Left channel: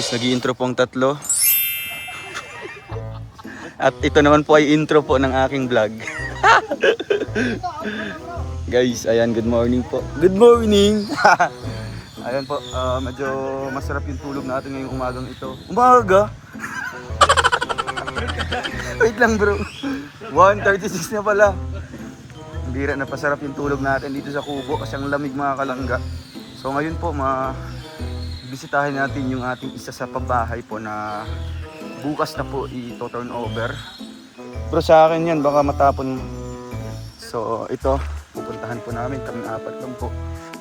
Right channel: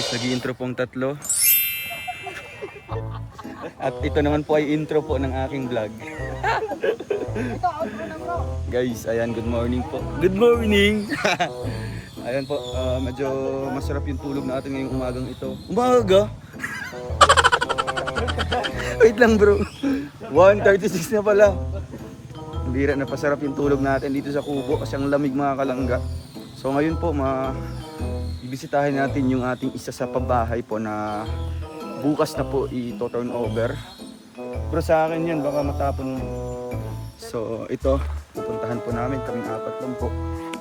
guys, nag-i-intro po ang tatlo. At ito naman po ay intro po ng aking vlog. Guys, ayan, good morning po. Good morning! Ayan po, medyo masarap yung tulog natin ngayong umagang ito. Umaga? Wait lang bro. 1:36 na pala. Hindi rin napasarap yung tulog natin dito sa kubo kasi ang lamig mga kalangga. So ngayon po, bisitahin natin yung ating isa sa pabahay po na bukas na po i-turn over. Bro, sa akin yan, baka matapon. So ito, pupuntahan po namin, kaming apat lang po.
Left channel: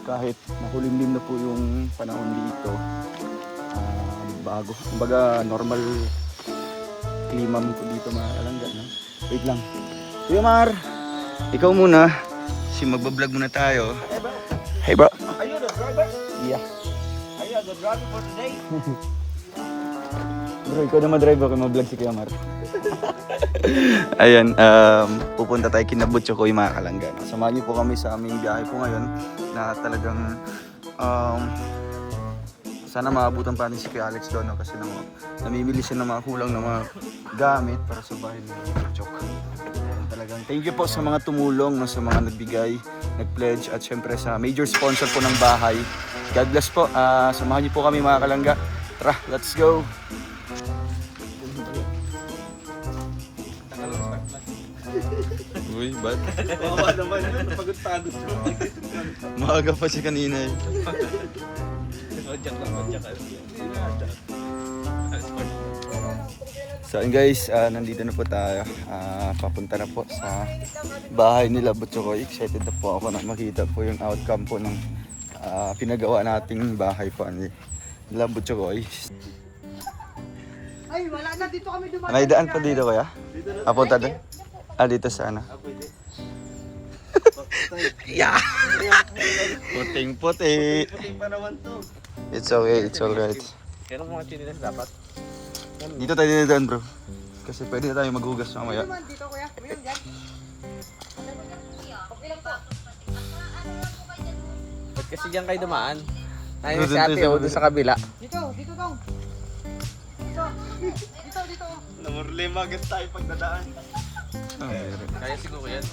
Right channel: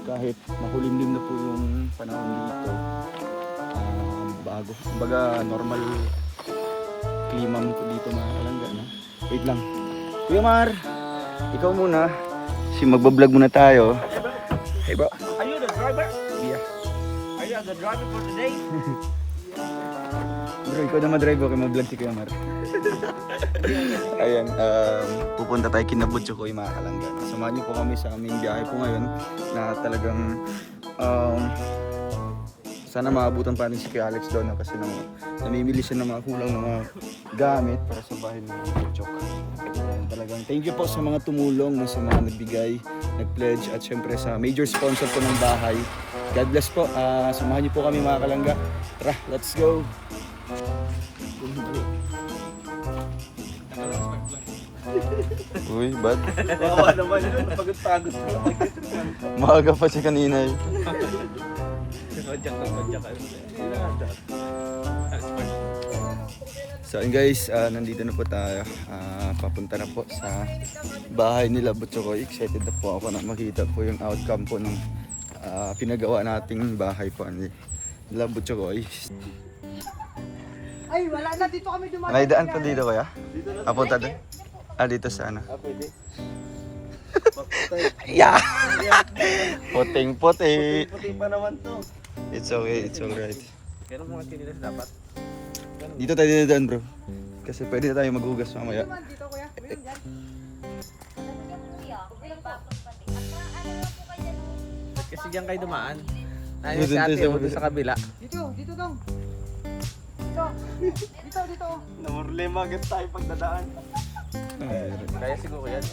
Kahit makulimlim na po yung panahon dito. Bago, kumbaga normal klima mo po dito mga kalangga, no? Wait lang. Kuya Mar, ikaw muna. Kasi magbablog muna tayo. Hey bro. Are you the driver? Yeah. Are you the driver for today? Bro, ikaw na madrive ako, mag-vlog si Kuya Mar. Ayan, pupunta tayo kina Butcho ko yung mga kalanggan. Samahan niyo po kami sa aming biyahe po ngayon na talagang sana maabutan pa natin si Kuya Alex doon, no? Kasi namimili siya ng mga kulang na mga gamit para sa bahay ni Butcho. Talagang thank you po sa mga tumulong, sa mga nagbigay, nag-pledge at syempre sa major sponsor po ng bahay. God bless po. Samahan niyo po kami mga kalangga. Tara, let's go! Uy, bad. Oo naman yun, napagod-pagod ko. Maaga pa siya kanina eh. Badyak lang. So yun guys, nandito na po tayo. Papunta na po sa bahay nila Butchokoy. Excited na po ako na makita po yung outcome po ng pinagawa nating bahay po nila Butchokoy. Ay, wala na dito kami dumaan. May daan pa dito kaya? Papunta doon? Dito sa ano? Yeah! Puting-puti! Puting pa naman to. It's okay, it's alright. Kaya mga chinilas dapat. Dito tayo dinadaan bro. Kasi pwede na tayo maghugas mamaya. Dito kuya. Ayun, dyan. Ba't kasi diyan kayo dumaan? Tayo Doon si tayo ate sa o kabila. doon sa kabila. Dito dong. Dito. Number 5 agad tayo pagdadaan. Meron. Kaya siguro yan.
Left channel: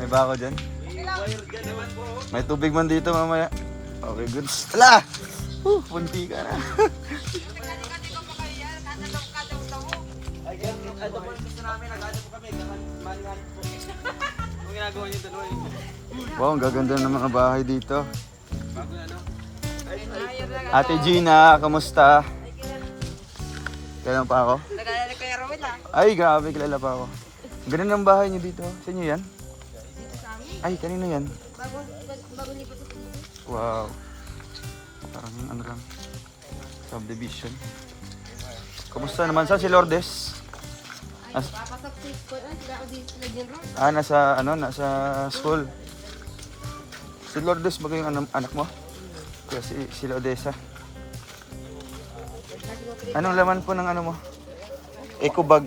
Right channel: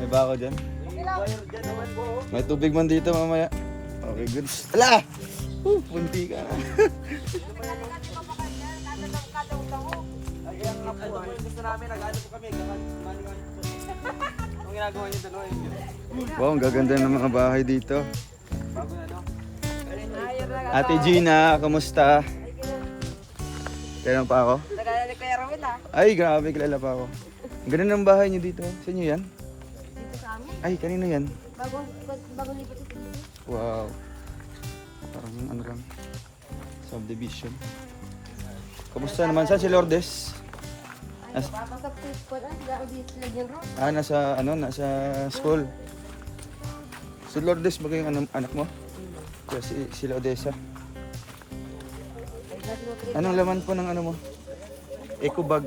May bako dyan? May tubig man dito mamaya. Okay, good. Ala! Punti ka na. Ito po yung gusto namin, nag-ano po kami, maningan po. Yung ginagawa niyo doon. Wow, ang gaganda ng mga bahay dito. Ate Gina, kamusta? Kailan pa ako? Nagalala ko yung Ramil Ay, grabe, kilala pa ako. Ang ganda ng bahay niyo dito. Sa inyo yan? Ay, kanino yan? Bago lipat ito. Wow. Parang ano lang, subdivision. Kamusta naman? Saan si Lourdes? Papasok si school. Ay, sila dito na dyan. Nasa school. Si Lourdes ba yung anak mo? Kaya sila Odessa. Anong laman po ng ano mo? Eco bag.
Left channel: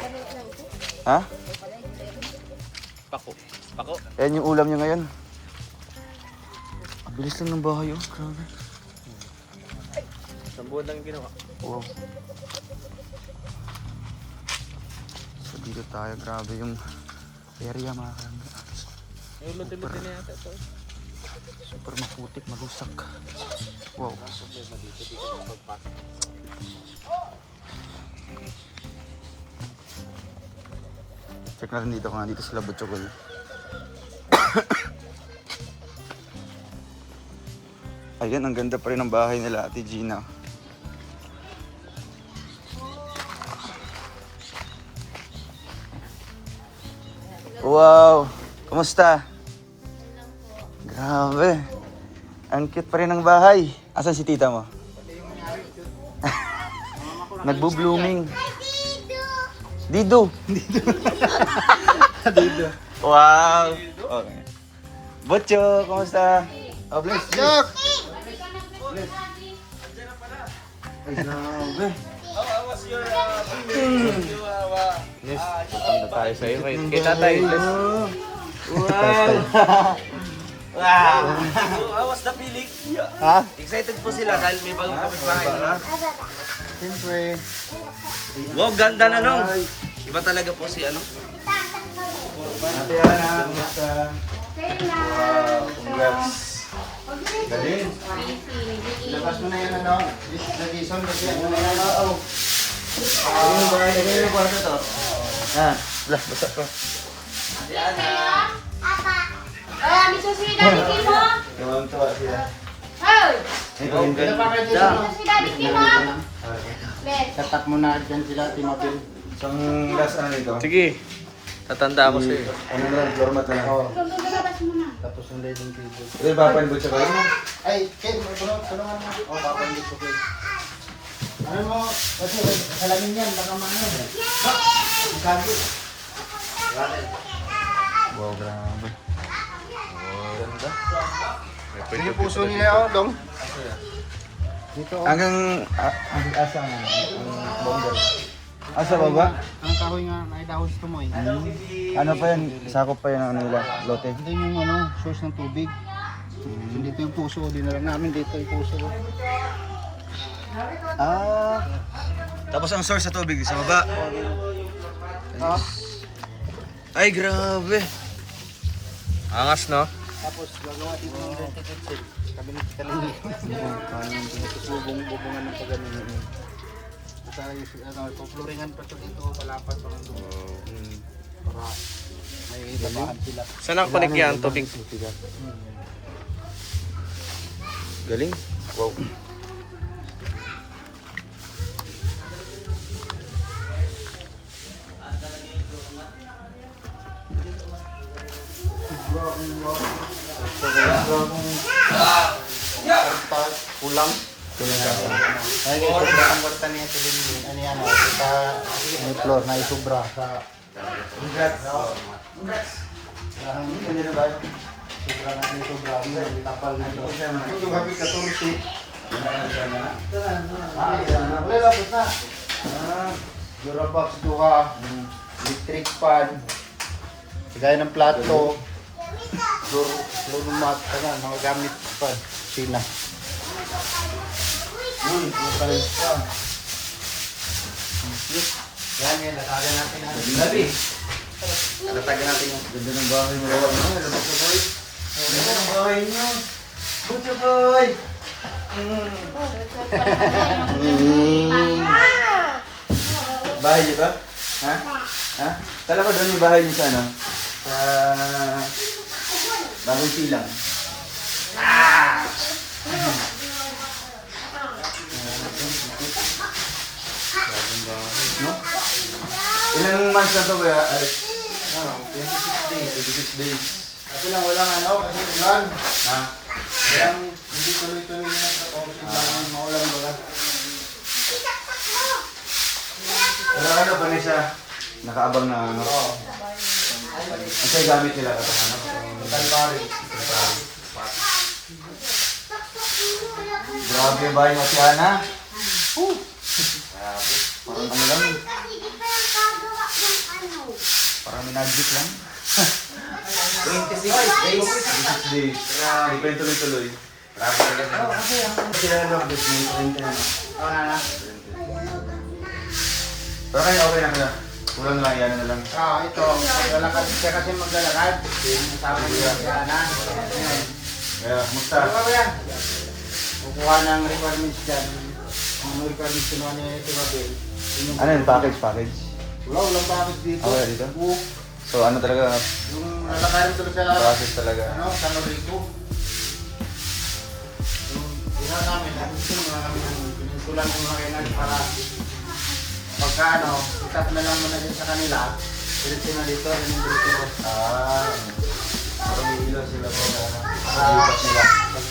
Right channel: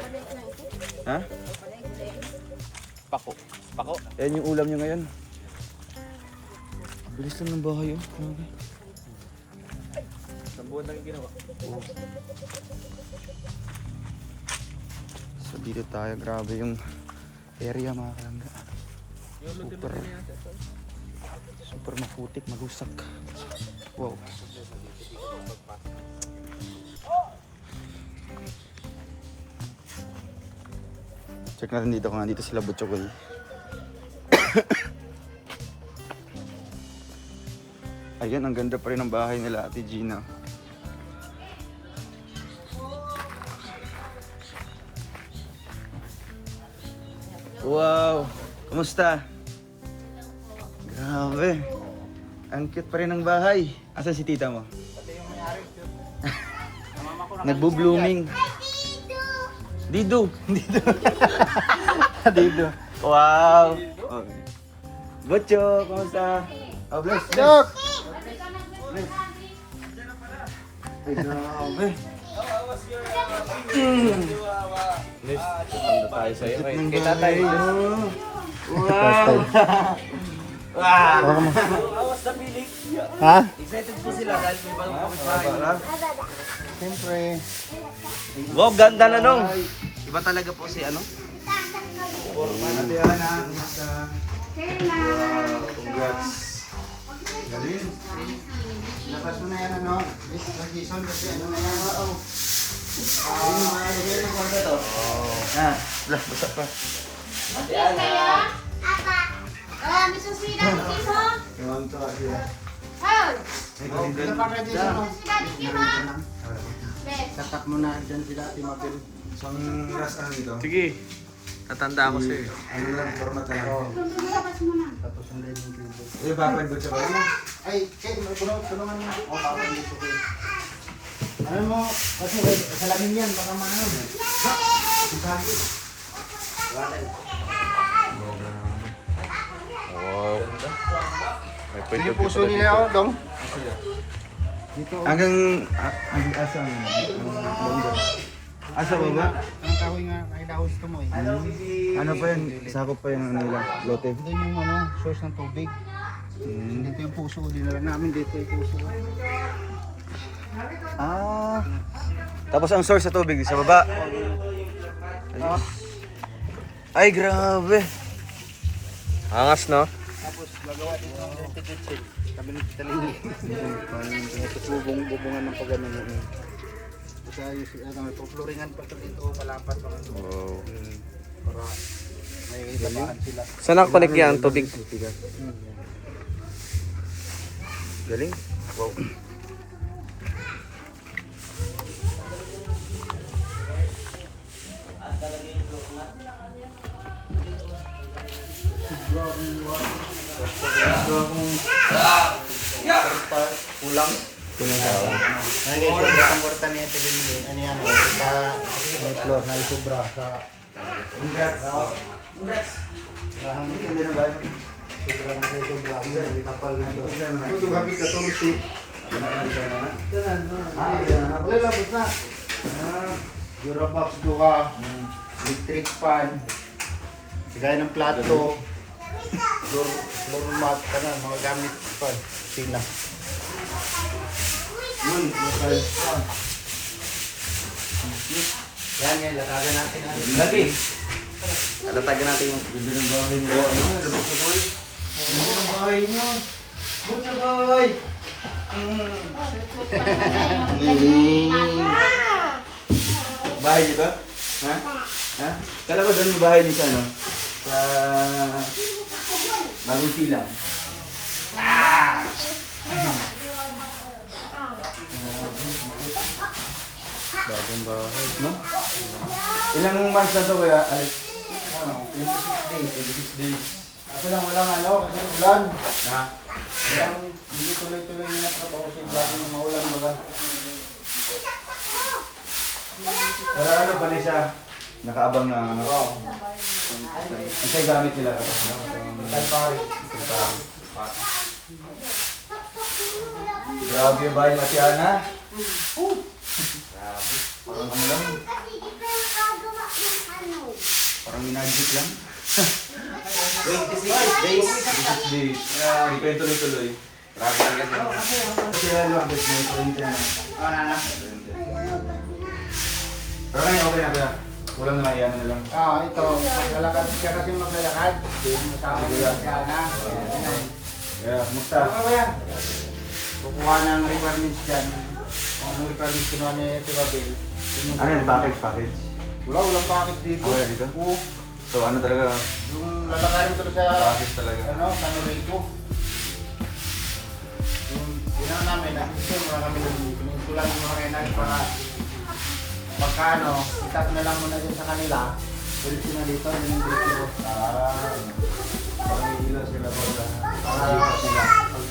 Ha? Pako. Ayan yung ulam niyo ngayon. Ang bilis lang ng bahay oh. Grabe. Isang buwan lang yung ginawa. Wow. So dito tayo. Grabe yung area mga kalangga. Super maputik, malusak. Wow. Check natin dito kung nandito sila Butchokoy. Ayan, ang ganda pa rin ng bahay nila Ate Gina. Wow! Kamusta? Grabe! Ang cute pa rin ng bahay. Asan si tita mo? Nagbo-blooming. Dido! Dido. Wow! Okay. Butcho, kamusta? Oh, bless. Jack! Bless. Ay, grabe. Yes, punta tayo sa iyo. Cute ng Kita bahay, tayo. oh. Wow! Awas na pilik. Ha? Excited po sila dahil may bagong kapitbahay. Siyempre. Wow, ganda na no. Iba talaga po si ano. Ate Ana, basta. Wow, congrats. Galing. Labas mo na yan ano. Nag-ison kasi ano na yan. Ano ba? Ano yung kwarto to? Ah, basta to. May susunod na bigay mo. Tuwang-tuwa sila. Hoy! Ito yung Sila pa kayo dyan. Susunod na bigay mo. Bet. Tatak mo na dyan sila, Timothy. Isang last ano nito? Sige. Tatanda ako sa'yo. Ano na lang, floor mat na lang. Lumabas mo na. Tapos yung leading table. Ito yung papalibot siya kayo. Ay, Kay, may tulungan mo. O, papalit ko kayo. Ano mo, kasi salamin yan, baka maano. Ha? Ang sabi. Wow. May Ano puso nila ako, Dong? Dito. Hanggang asa mo? Asa ba ba? Ang kahoy nga, may dahon sa tumoy. Ano pa yun? Sakop pa yun ang nila, lote. Ito yung ano, source ng tubig. Dito yung puso, dinala namin dito yung puso. Ah. Tapos ang source sa tubig sa baba. Ay, grabe. Angas no? Tapos gagawa dito ng ventilation. Kabinet kalingi. Tapos bubong-bubungan ng pagano yun. Tapos pupluringan pa ito dito, kalapat pa ito. Wow. Para may gamaan sila. Saan ang connect yan tubig? Galing. Wow. Ay, sobra ang kwarta niya ito din. Ano yan, may floor na isobra sa... Lahang hindi na ba? Sobra na isobra. May kapal na ito. Yung habit ka tumusi. Wala labot na. Durabox duha. Electric fan. Gaya ng plato. Floor mat. Mga gamit pa. Sina. Yan yan, latagan natin. Gabi. Latagan natin yung ganda ng bahay mo. Ano? Labas na tayo. Ganda ng bahay niyo. Good na bahay. Bahay niyo ba? Ha? Ha? Kala ko doon yung bahay niyo sa ano? Sa... Bagong silang. Bagong bahay. No? Ilang months na to kuya, Alex? 26 days. 26 days. Ito lang, walang ano, kasi ulan. Ha? Kaya hindi tuloy-tuloy na trabaho kasi bagong maulan ba? Pero ano pa rin siya? Nakaabang na ano? Oo. Ang sa'yo gamit nila ito. Ano? Tanpari. Grabe yung bahay mo, Ate Ana. Parang nag-zip lang. 26 days. 26 days. Grabe, kayo tuloy-tuloy. Grabe talaga. Kasi ano, gusto mo yung 20 na. Wala na. Pero kayo okay na kaya. Walang na, yan na lang. Ito. Maglalakad siya kasi maglalakad. Masama siya na. Kaya, musta? Ano ba yan? Kukuha ng requirements dyan. Ang requirements kinuha ni Tibabel. Ano yung package? Walang package dito. Okay, dito? Oo. So ano talaga, Yung lalakarin ko sa process talaga. San Rico. Yung ginawa namin, ginawa namin yung pininsulan ng mga kainan para pagka itap na lang muna din sa kanila. Diretso na dito, yun yung diretso. Parang may ilaw sila Para lipat sila.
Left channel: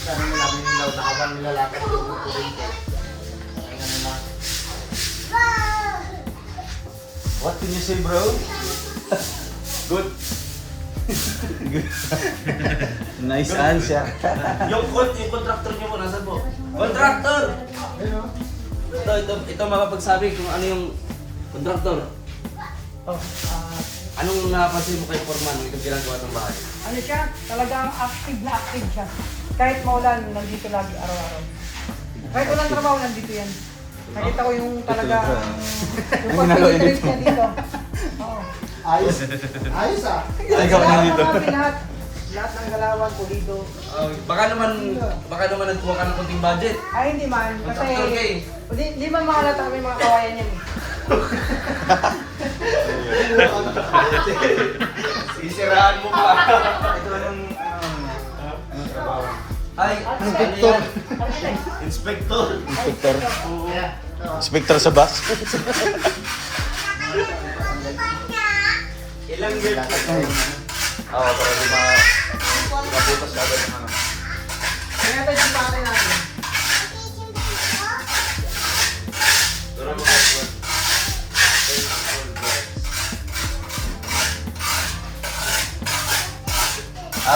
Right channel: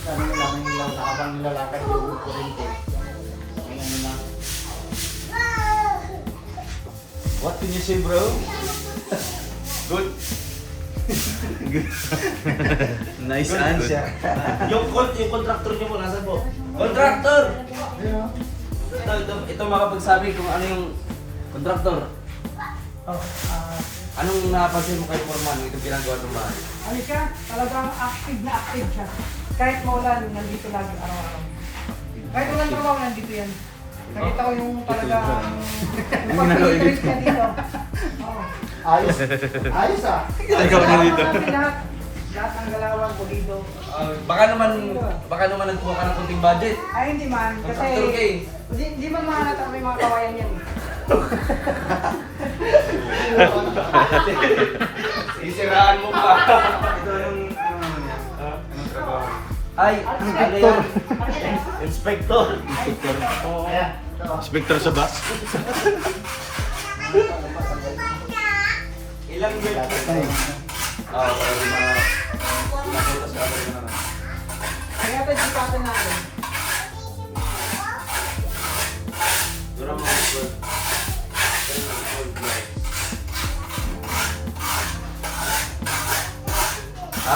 ano nila, may nilaw na habang nilalakad yung kurente. Ay ano na. What can you say, bro? Good. Nice answer. Yung contractor niyo po, nasan po? Contractor! Ayun. Ito makapagsabi kung ano yung contractor. Anong napansin mo kay Foreman nung itong ginagawa ng bahay? Ano siya? Talagang active na active siya. Kahit maulan, nandito lagi araw-araw. Kahit walang trabaho, nandito yan. Nakita ko yung talagang yung pag-interest niya dito. Oo. Ayos. Ayos ah. Lahat ng galawan ko dito. Baka naman nagkuha ka ng konting budget. Ay, hindi man. Contractor ka eh. Kasi hindi man makalata may mga kawayan niya. Sisiraan mo pa. Ito yung Ay, Inspector. Inspector. Inspector sa bus. Ilang years? Oo, para yung mga pinaputas na agad yung ano. Kaya tayo yung pare natin.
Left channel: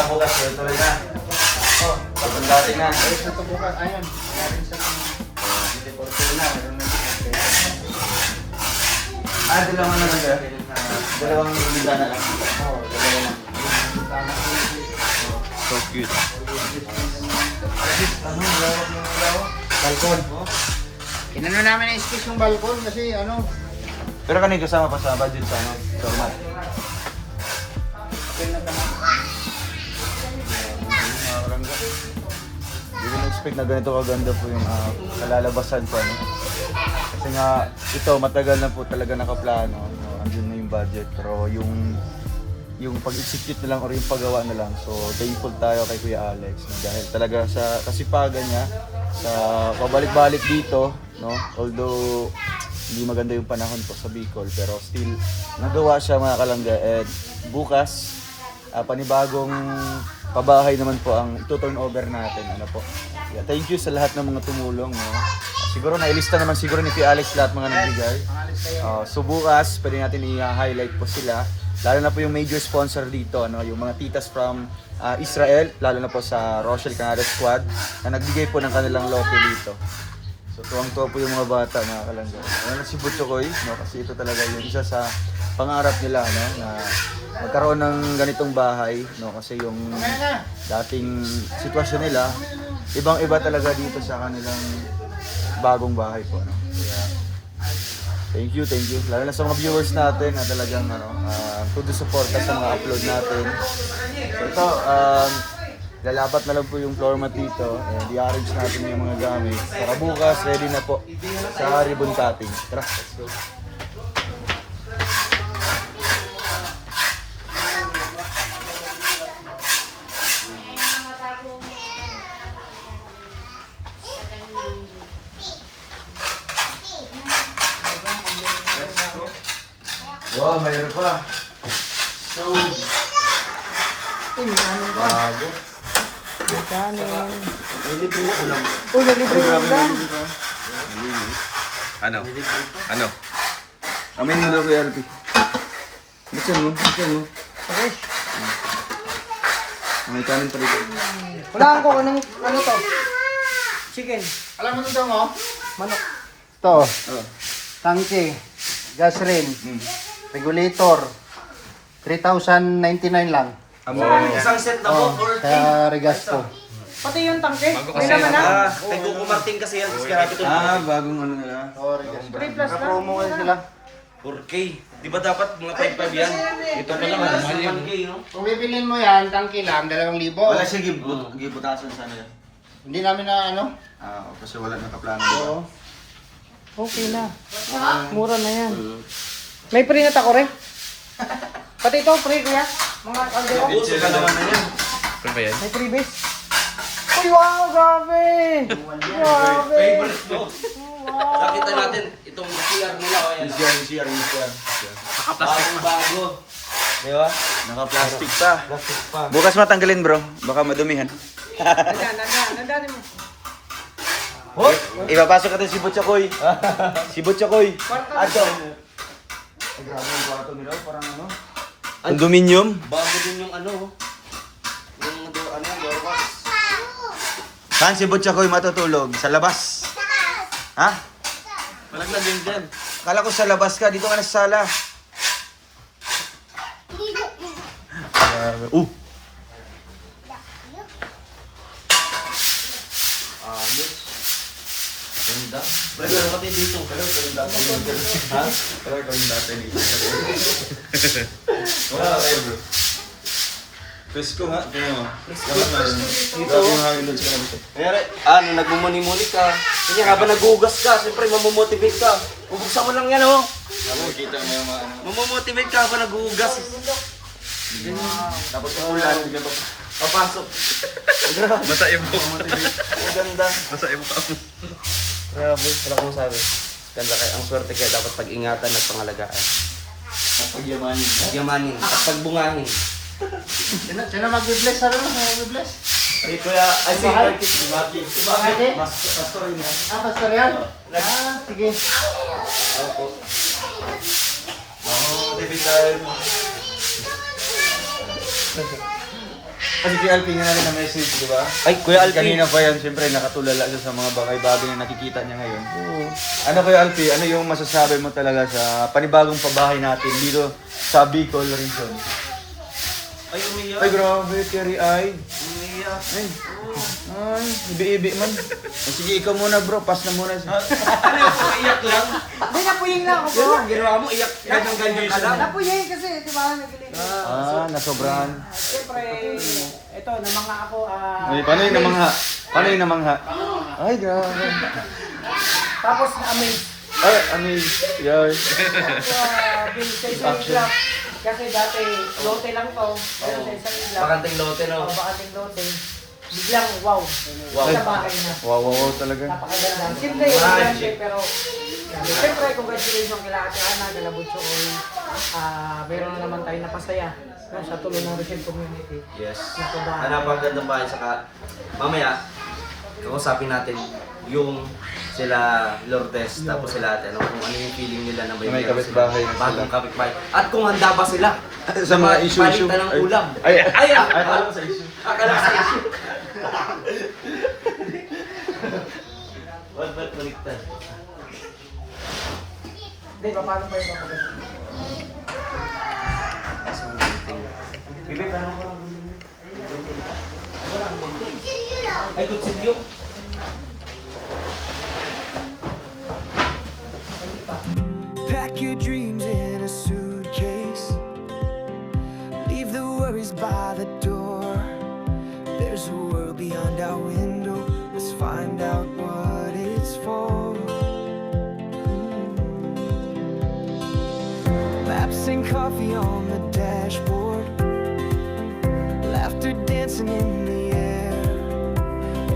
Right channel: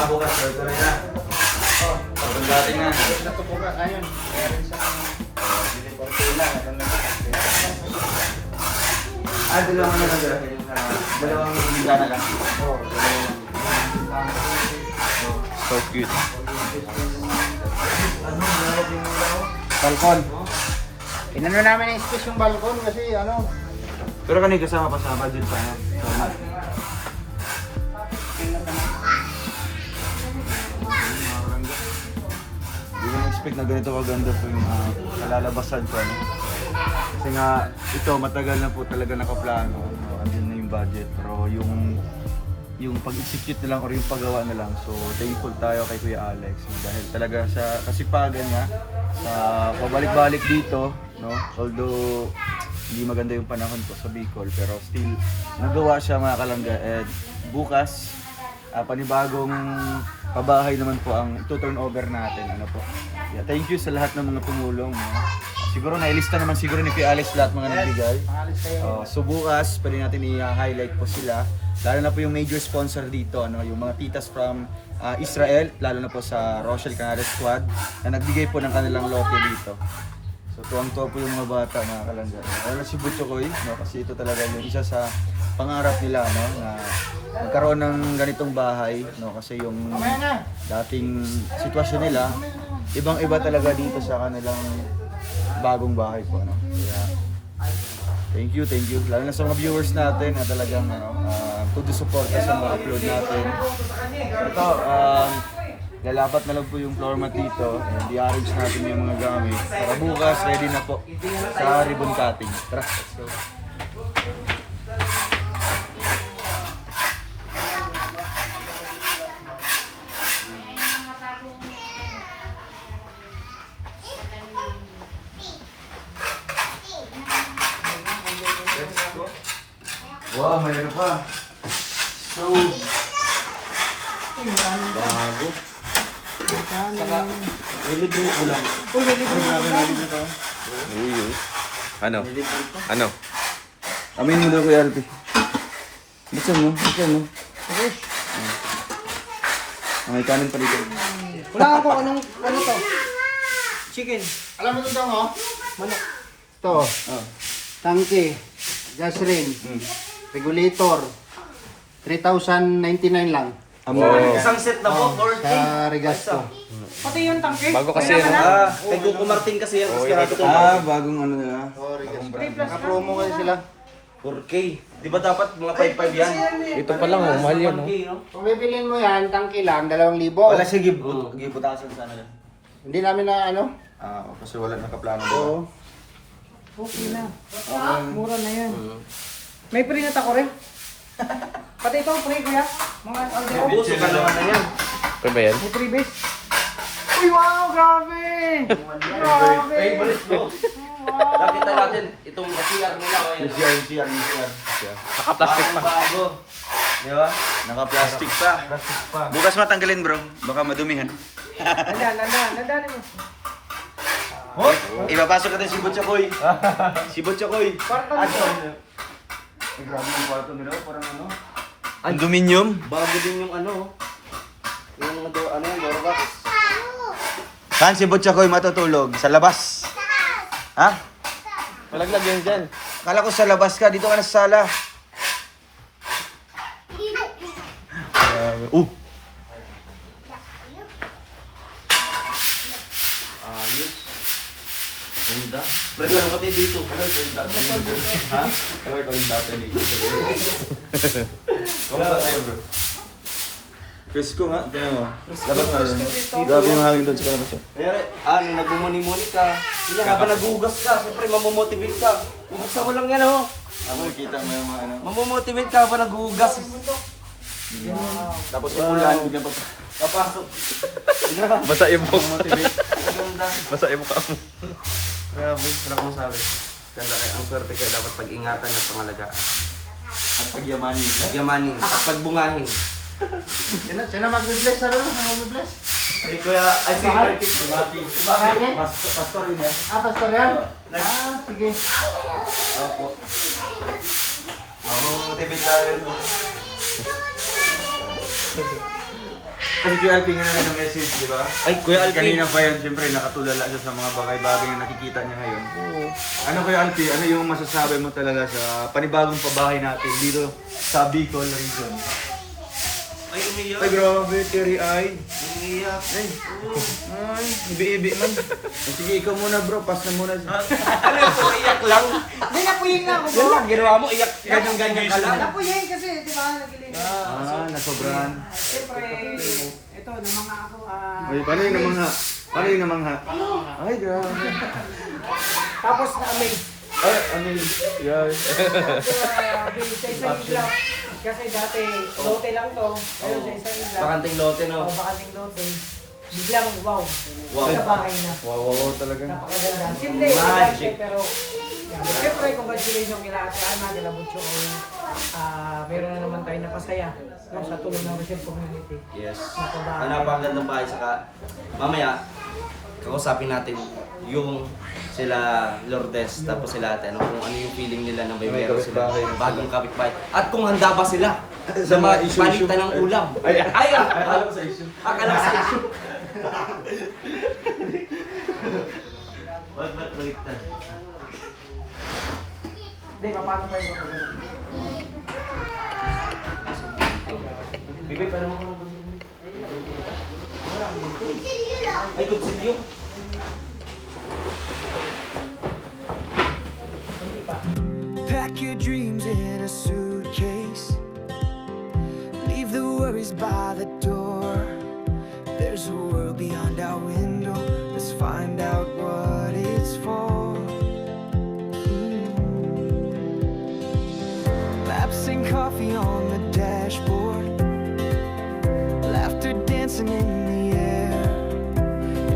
Bukas tuloy na. Pagod natin na. Subukan. Ayun. Kaya rin sa Hindi Fortuna, meron na. Dalawang yung dalawang bintana lang. Oo, dalawa lang. So cute. Balkon. Inano namin ang space ng balkon kasi ano. Pero kanina kasama pa sa budget sa ano, format. Hindi ko na-expect na ganito kaganda po yung kalalabasan ko. Ano? Kasi nga, ito matagal na po talaga nakaplano. No? Andun na yung budget. Pero yung pag-execute na lang or yung paggawa na lang. So, thankful tayo kay Kuya Alex. No? Dahil talaga sa kasipagan niya, sa pabalik-balik dito, no? Although hindi maganda yung panahon po sa Bicol, pero still nagawa siya mga kalangga. And bukas, panibagong pabahay naman po ang turn over natin. Ano po? Yeah, thank you sa lahat ng mga tumulong. No? Siguro nailista naman siguro ni Kuya Alex lahat mga nagbigay. So bukas, pwede natin i-highlight po sila. Lalo na po yung major sponsor dito, ano, yung mga titas from Israel, lalo na po sa Rochelle Canada Squad na nagbigay po ng kanilang lote dito. So tuwang-tuwa po yung mga bata, mga kalangga. Wala si Butchokoy, no, kasi ito talaga yung isa sa pangarap nila, no, na magkaroon ng ganitong bahay, no, kasi yung dating sitwasyon nila, ibang-iba talaga dito sa kanilang bagong bahay po, no. Kaya thank you. Lalo na sa mga viewers natin na talagang todo suporta sa mga upload natin. So ito, lalapat na lang po yung floor mat dito and i-arrange natin yung mga gamit. Para bukas, ready na po sa ribbon cutting. Tara, let's go. Wow, mayroon pa. So, bago. Ay, grabe na libre pa. Ano? Ano? Amin mo daw Kuya Alpi. Buksan mo. May kanin pa dito. Wala ako anong ano to? Chicken. Alam mo ito mo? Manok. Ito. Tangke. Gas ring. Regulator. 3,099 lang. Isang set na po, 40. Sa Regasto. Pati yung tangke. Bago kasi, Kailan no? na? Kay Kuko Martin kasi yan, tapos ganito ito. Bagong ano na. Oh, Regasto. 3 plus na. Naka-promo kayo sila. 4K. Di ba dapat mga 5-5 yan? Ito pa lang, mahal yan. 1K, no? Kung bibilin mo yan, tangke lang, 2,000. Wala sige, giputasan sana yun. Hindi namin na ano. Kasi wala nakaplano. Oo. Okay na. Mura na yan. May pre na tako rin. Pati ito, pre kuya. Mga order ko. Bitch ka naman na yan. Ano ba yan? May freebies. Uy, wow, grabe! Grabe! Favorite ko. Nakita natin itong CR nila. O yan. CR. Naka-plastic pa. Bago. Di ba? Naka-plastic pa. Plastic pa. Bukas matanggalin bro, baka madumihan. Andan mo. Ipapasok natin si Butchokoy. Si Butchokoy. Ato. Ay, grabe yung kwarto nila, parang ano. Condominium? Bago din yung ano. Yung ano yan, doorbox. Saan si Butchokoy matutulog? Sa labas? Ha? Malaglag yan dyan. Kala ko sa labas ka, dito ka na sa sala. Grabe. Ayos. Ganda. Pre, meron ka dito. Ha? Alam ko yung dati ni Wala kayo bro. Presko nga, tingnan mo. Alam nga yun. Dito yung hangin doon sa kanila. Kaya, nagmumuni-muni ka. Kanya, habang nagugas ka, siyempre mamomotivate ka. Bubuksan mo lang yan, oh. Oo, kita mo yung mga ano. Mamomotivate ka habang nagugas. Tapos paulan, bigla pa. Papasok. Basa yung buhok mo. Ang ganda. Basa yung mukha mo. Grabe, wala kong sabi. Ganda kayo. Ang swerte kayo dapat pag-ingatan at pangalagaan. At pagyamanin. Pagyamanin at pagbungahin. Sino mag-bless? Ano mo? Mag-bless? Ay, kuya, I think I think si Mati. Bakit? Pastor yun yan. Pastor yan? Sige. Opo. Mamomotivate tayo. Kasi Kuya Alpin nga na rin ang message, di ba? Ay, Kuya Alpin. Kanina pa yan, siyempre nakatulala siya sa mga bagay-bagay na nakikita niya ngayon. Ano Kuya Alpin, ano yung masasabi mo talaga sa panibagong pabahay natin dito sa Bicol, Luzon? Ay, umiyak. Ay, grabe, Terry ay. Umiyak. Ay, ibi-ibi man. Sige, ikaw muna bro, pass na muna siya. Ano yung iyak lang? Hindi, napuying lang ako bro. Ang ginawa mo, iyak. Ganyan ka lang. Napuying kasi, di ba, nagiling. Nasobrahan. Siyempre, ito, namanga ako. Ay, paano yung namangha? Paano yung namangha? Ay, grabe. Tapos na-amaze. Ay, ano yun? Yan. Sa isang iglap. Kasi dati, lote lang to. Pero sa isang iglap. Bakanting lote, no? Bakanting lote. Biglang, wow. Wow. Sa bahay na. Wow, talaga. Napakaganda. Simple yung elegante, pero siyempre, congratulations kila Ate Ana, kila Butcho Oy. Meron na naman tayo napasaya no, sa tulong ng Rachel Community. Yes. Napabahay. Napakaganda ba? Saka, mamaya, kakusapin natin yung sila Lourdes, tapos sila ate, ano, kung ano yung feeling nila na may May meron sila kapitbahay. bagong kapitbahay. At kung handa ba sila Sa sa mga issue. palitan ng ulam. Ay, Ay, alam ko sa issue. akala sa issue. Ba't baliktad? Hindi, paano pa yun ako? Bibi, parang mo ka ng ay, good silyo. Pack your dreams in a suitcase. Leave the worries by the door. There's a world beyond our window. Let's find out what it's for. Maps and coffee on the dashboard. Laughter dancing in the air.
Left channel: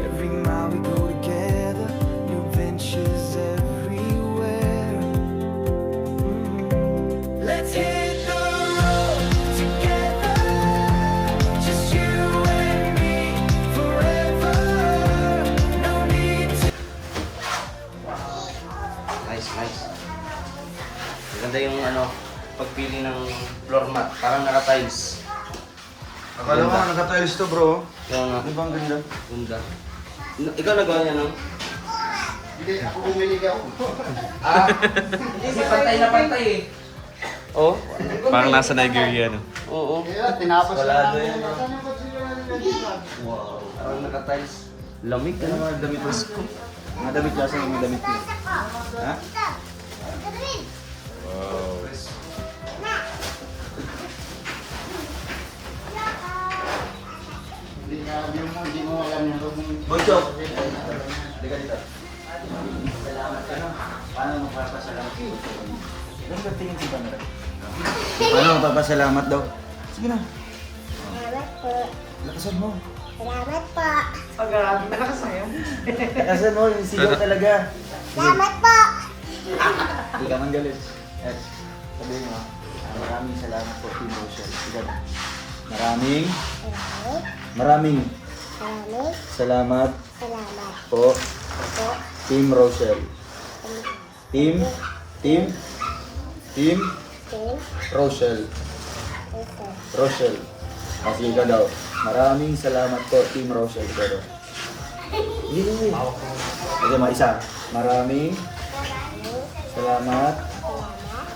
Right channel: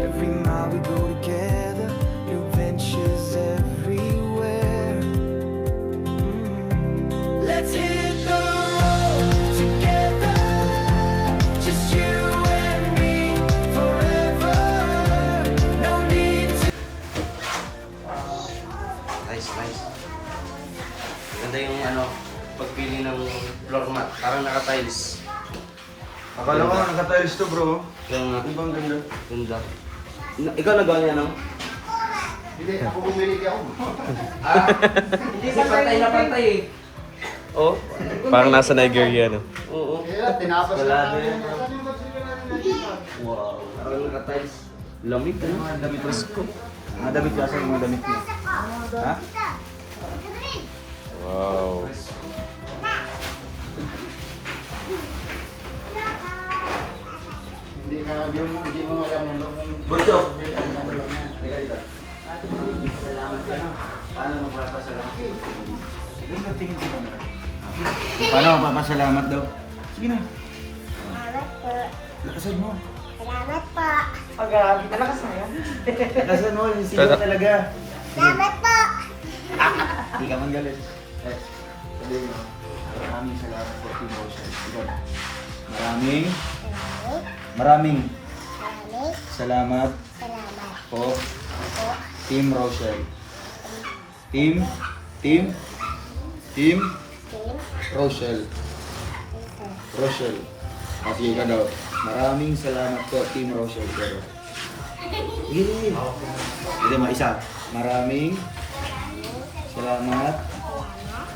Every mile we go together. New ventures everywhere. Let's hit the road together, just you and me forever. No need to. Nice, nice. Ganda yung ano, pagpili ng floor mat. Parang naka-tiles. Akala ko naka-tiles to bro. Yung Ibang ganda. ganda. Ikaw nagana no? Hindi, ako bumili ka ako. Hindi, pantay na pantay eh. Oh? Parang nasa Nigeria, no? Oo. Kaya, tinapas Wala na na yun. namin. Wow. Parang naka-tiles. Lamig Ano mga damit ko? Mga damit kasi yung damit ko. Ha? Wow. Hindi mo alam yung loob ng... Butcho. Halika dito. Salamat ka no? Paano magpapasalamat? Ano ba tingin sa camera? Paano magpapasalamat daw? Sige na. Salamat po. Lakasan mo. Salamat po. Ang grabe. Nakasaya. Lakasan mo, yung sigaw talaga. Salamat po. Hindi ka man galit. Eh, sabihin mo, maraming salamat po, Team Rochelle. Ikaw na. Maraming Salamat. salamat Salamat po, po. Team Rochelle. Team Tim. Rochelle. Ito. Rochelle. Sige ka daw. Maraming salamat po, Team Rochelle. Pero, hindi mo isa. Maraming salamat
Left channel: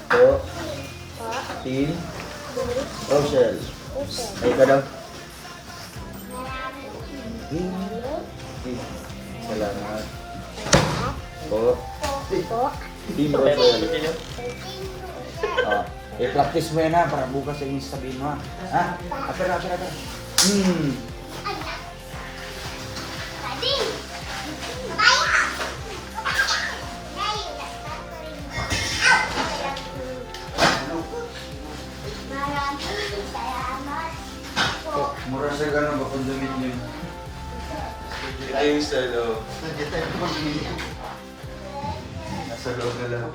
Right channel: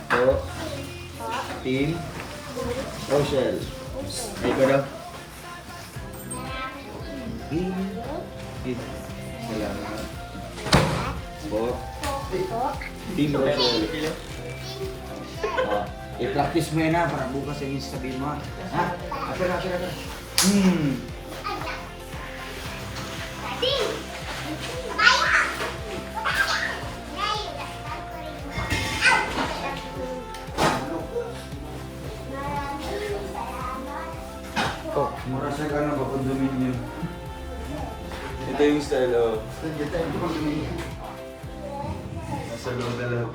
po, Team Rochelle. Ay ka daw. Salamat. Po. Team Rosel. I-practice mo yan ha, para bukas yung sabihin mo ha. Ha? Atara. Mura sa ganun ba kung damit nyo? Ito yung sa loob. Nasa loob na lang.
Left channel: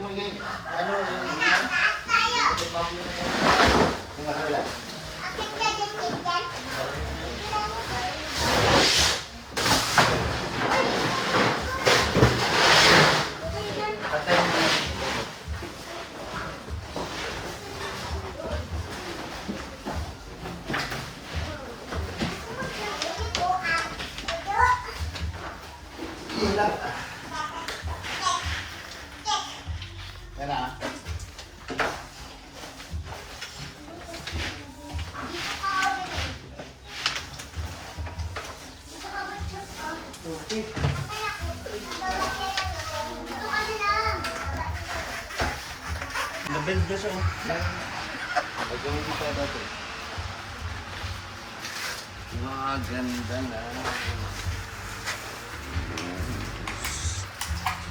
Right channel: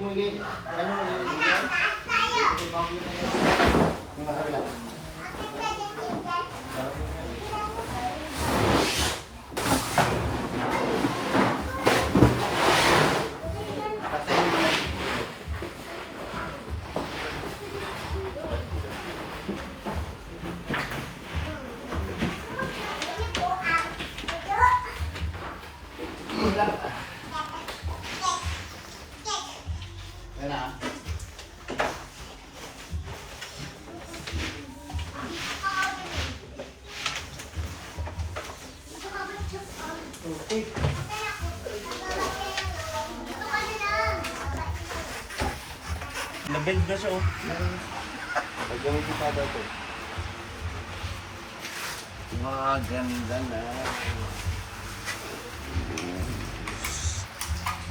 Ganda na.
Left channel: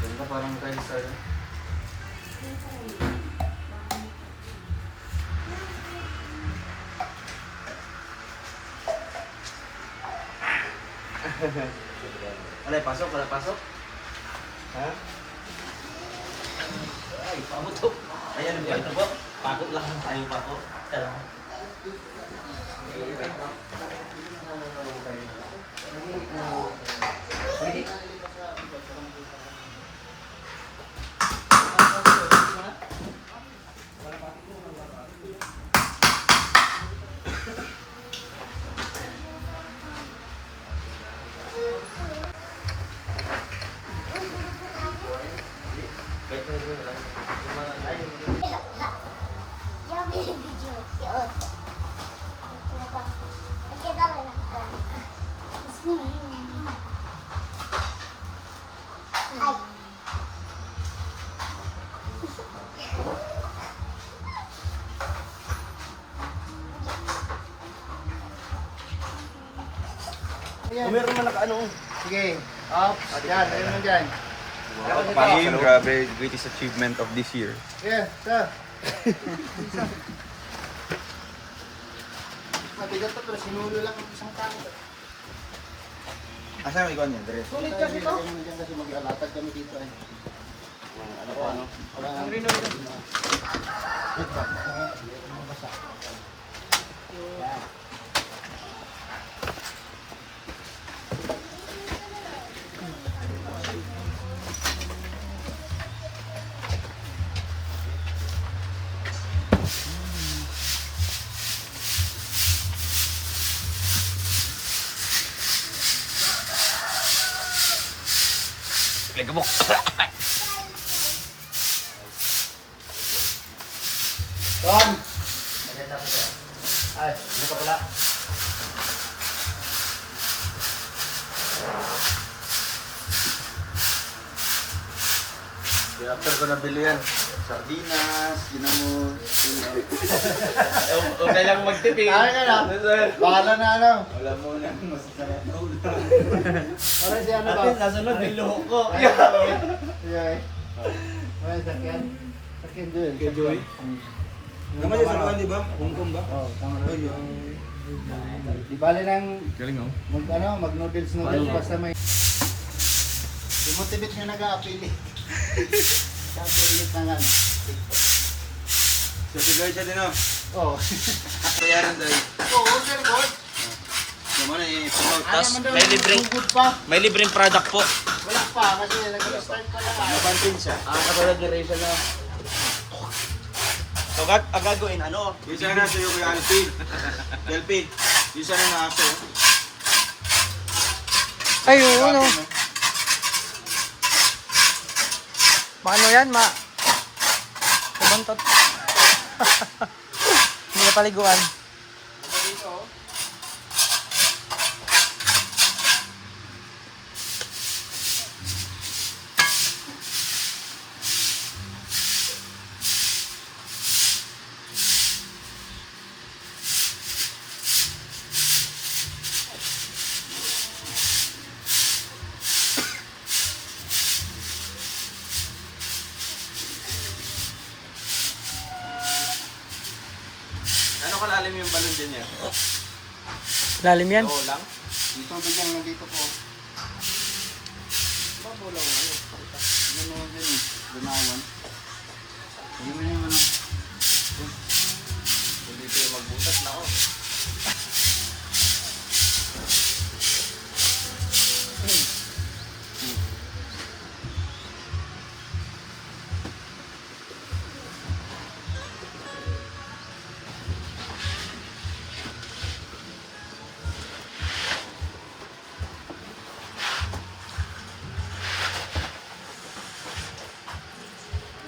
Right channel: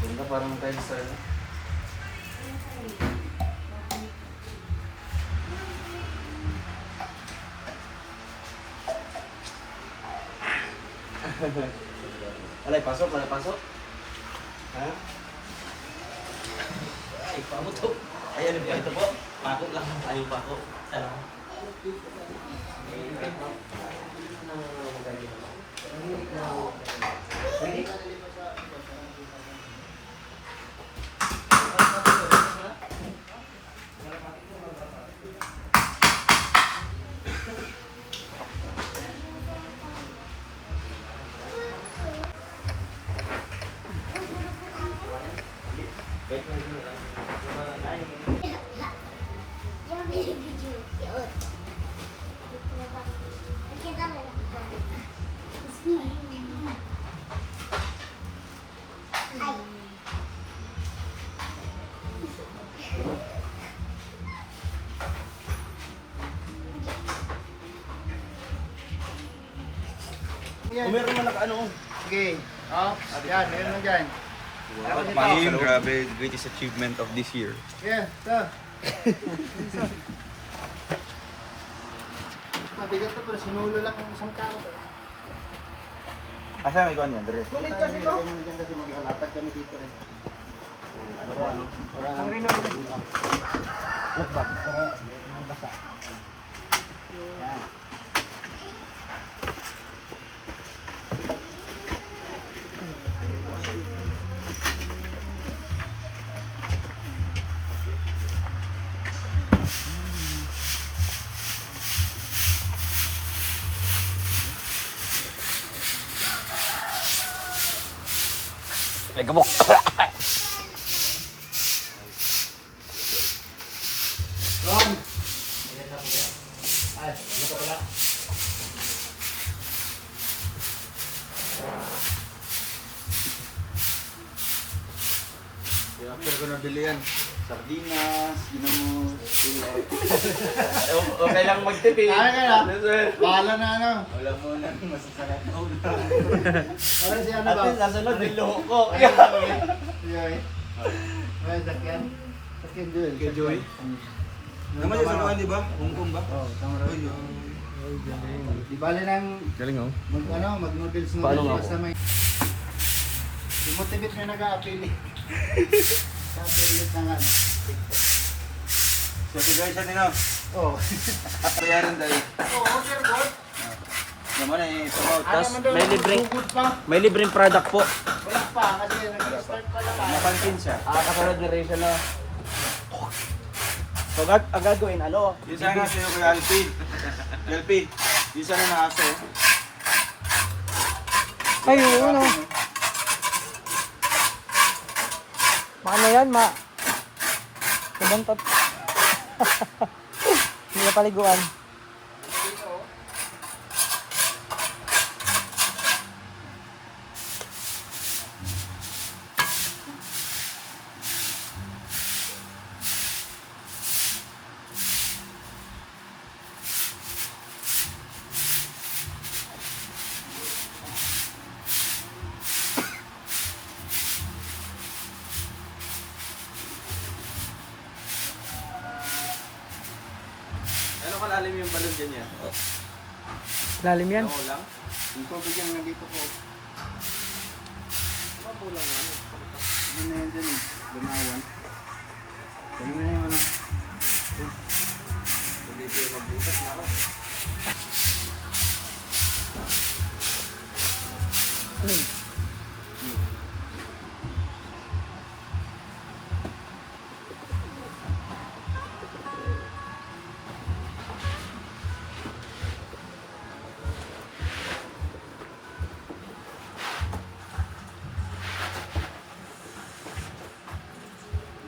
Ganda parang tayo sa Alay, pasok. Ha? Ay, pamutok. Ayan, ito po. Pakot lang. Ayaw pakot. Salamat. Kung meron man naka-ano. Sige. Yan, ayun mo dyan. Team, grabe, greatest achievement of this year. Yeah, sir. Mabigat na pala, sinulo lang ang isang tao. Asa may ikaw niyan, Dres? Sulit kasi ito. Kasi magkalatag kami dito eh. Ano? Ang basa. Yan. Nagabok. Tom! Ay, dito pala. Kaya after ko nabili yan, sardinas, ginamo, Okay lang magtipid. Kaya ka na. Bahala na ano. wala mo na masasarap. Parang si ano ba? At nasunod, niloko. Joy. Ay, sakyan. Sakyan Joy. Kay Joy? Naman yung sa di ba? Hong Kong ba? Oo, tama rin. Di bali nang Galing oh. mag-noodles basta may... Demotivate nyo nag-a-apili. Sa-apili na nga. So, guys, yan din Oo. Ako yan, dahil. Oo, sir, good. Naman eh, Tapos, may libreng, Good pa. may libreng product po. Wala pa, kasi nag-start pa lang. Katulad duration na. So, ang gagawin, ano? Yung sana sa'yo kay Alpin. Alpin, yung sana na aso. Ay, oo, no. Paano yan, Kubantot. Hindi na paliguan. yung balon dyan niya? Lalim yan. Oo lang. Yung tubig yan nandito po. Mabulang ano. Ano na yan dyan eh. Gumawan. Kung yung ano. Hindi ko yung magbutas na ako.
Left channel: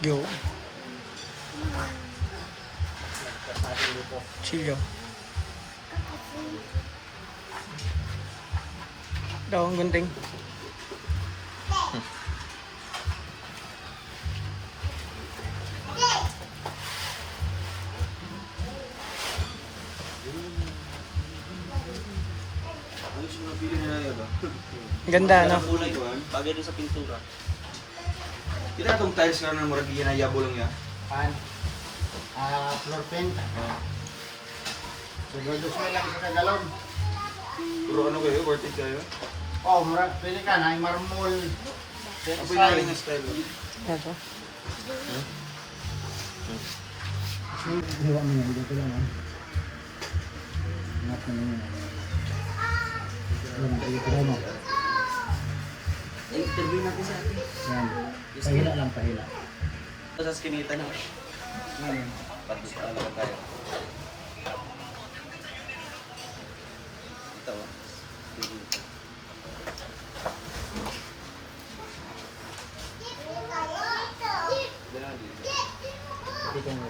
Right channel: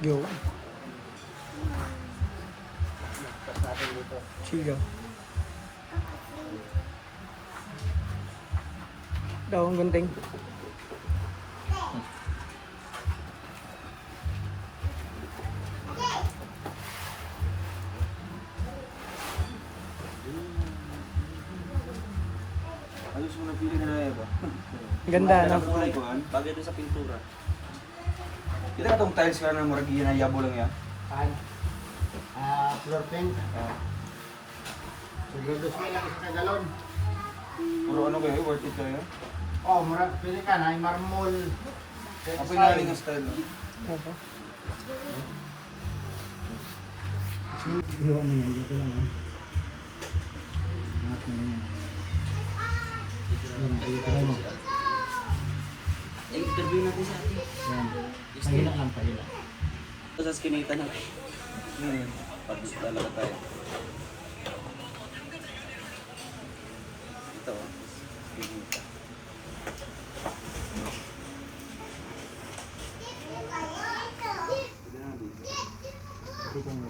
Yo. Chill yo. Daw ang gunting. Ano siya napili nila ba? Ganda, no? Kulay ko, bagay doon sa pintura. Kita itong tiles ka na murag ginayabo lang yan. Pan. Floor paint. Siguro dos may lang sa kagalon. Puro ano kayo, worth it kayo? Oh, murag pili ka na. Marmol. Apoy naling ang style mo. Ito. Hiwa mo yun. Dito lang. Ingat mo yun. Yan, pili mo. Interview natin sa atin. Yan. Pahila lang, pahila. Ito sa skinita na. Pati ano tayo. Ito. Dito mo.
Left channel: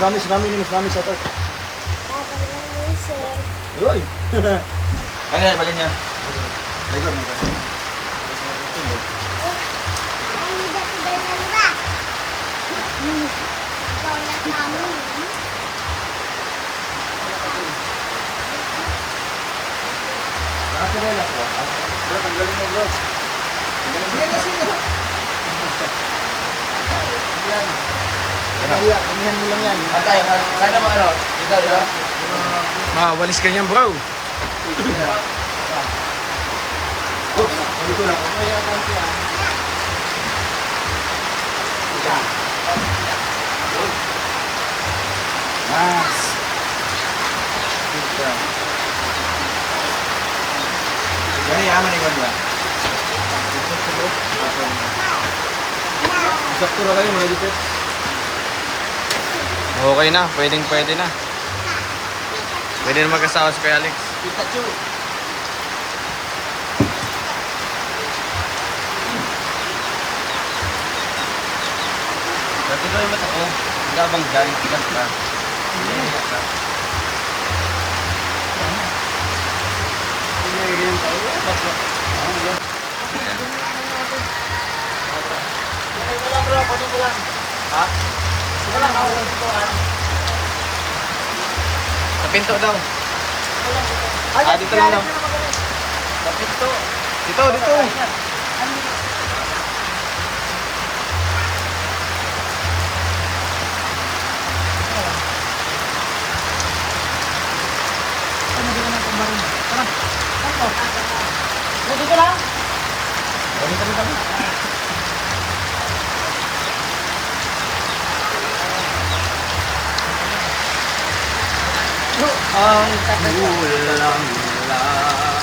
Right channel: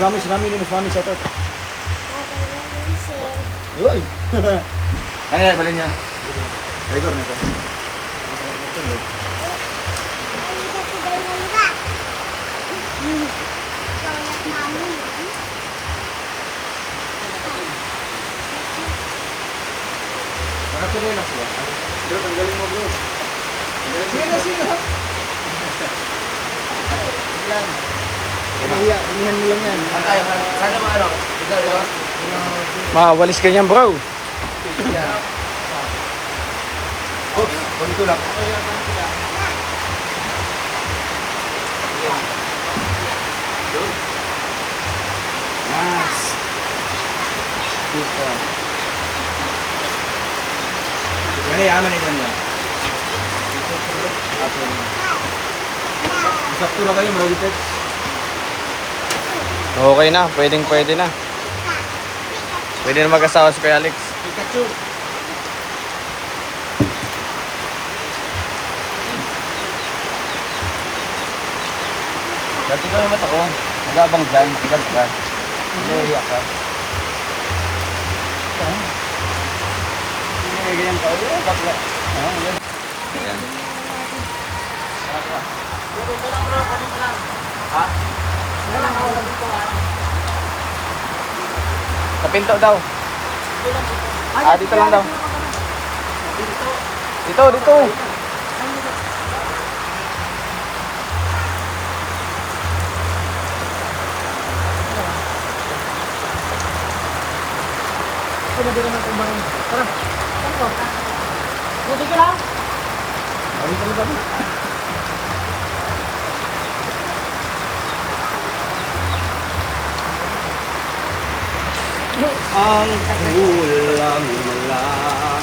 Sinami din, sa ito. Uy! Kaya, balik niya. Record na ito. Bro, tanggalin mo bro. Inihan mo lang yan. Sana mo ano? Mawalis ka niyan bro. Dito lang. Nice. Yan yaman ni Wanda. Sakto na kayo, Rolipet. Okay na, pwede na. Pwede na mag-asawa si Kuya Alex. Pikachu. Kasi ko naman ako, labang dyan, dyan ka. Hindi ka. Ayan. Sa pinto daw. Dito lang daw. Dito. Ang kulang lang.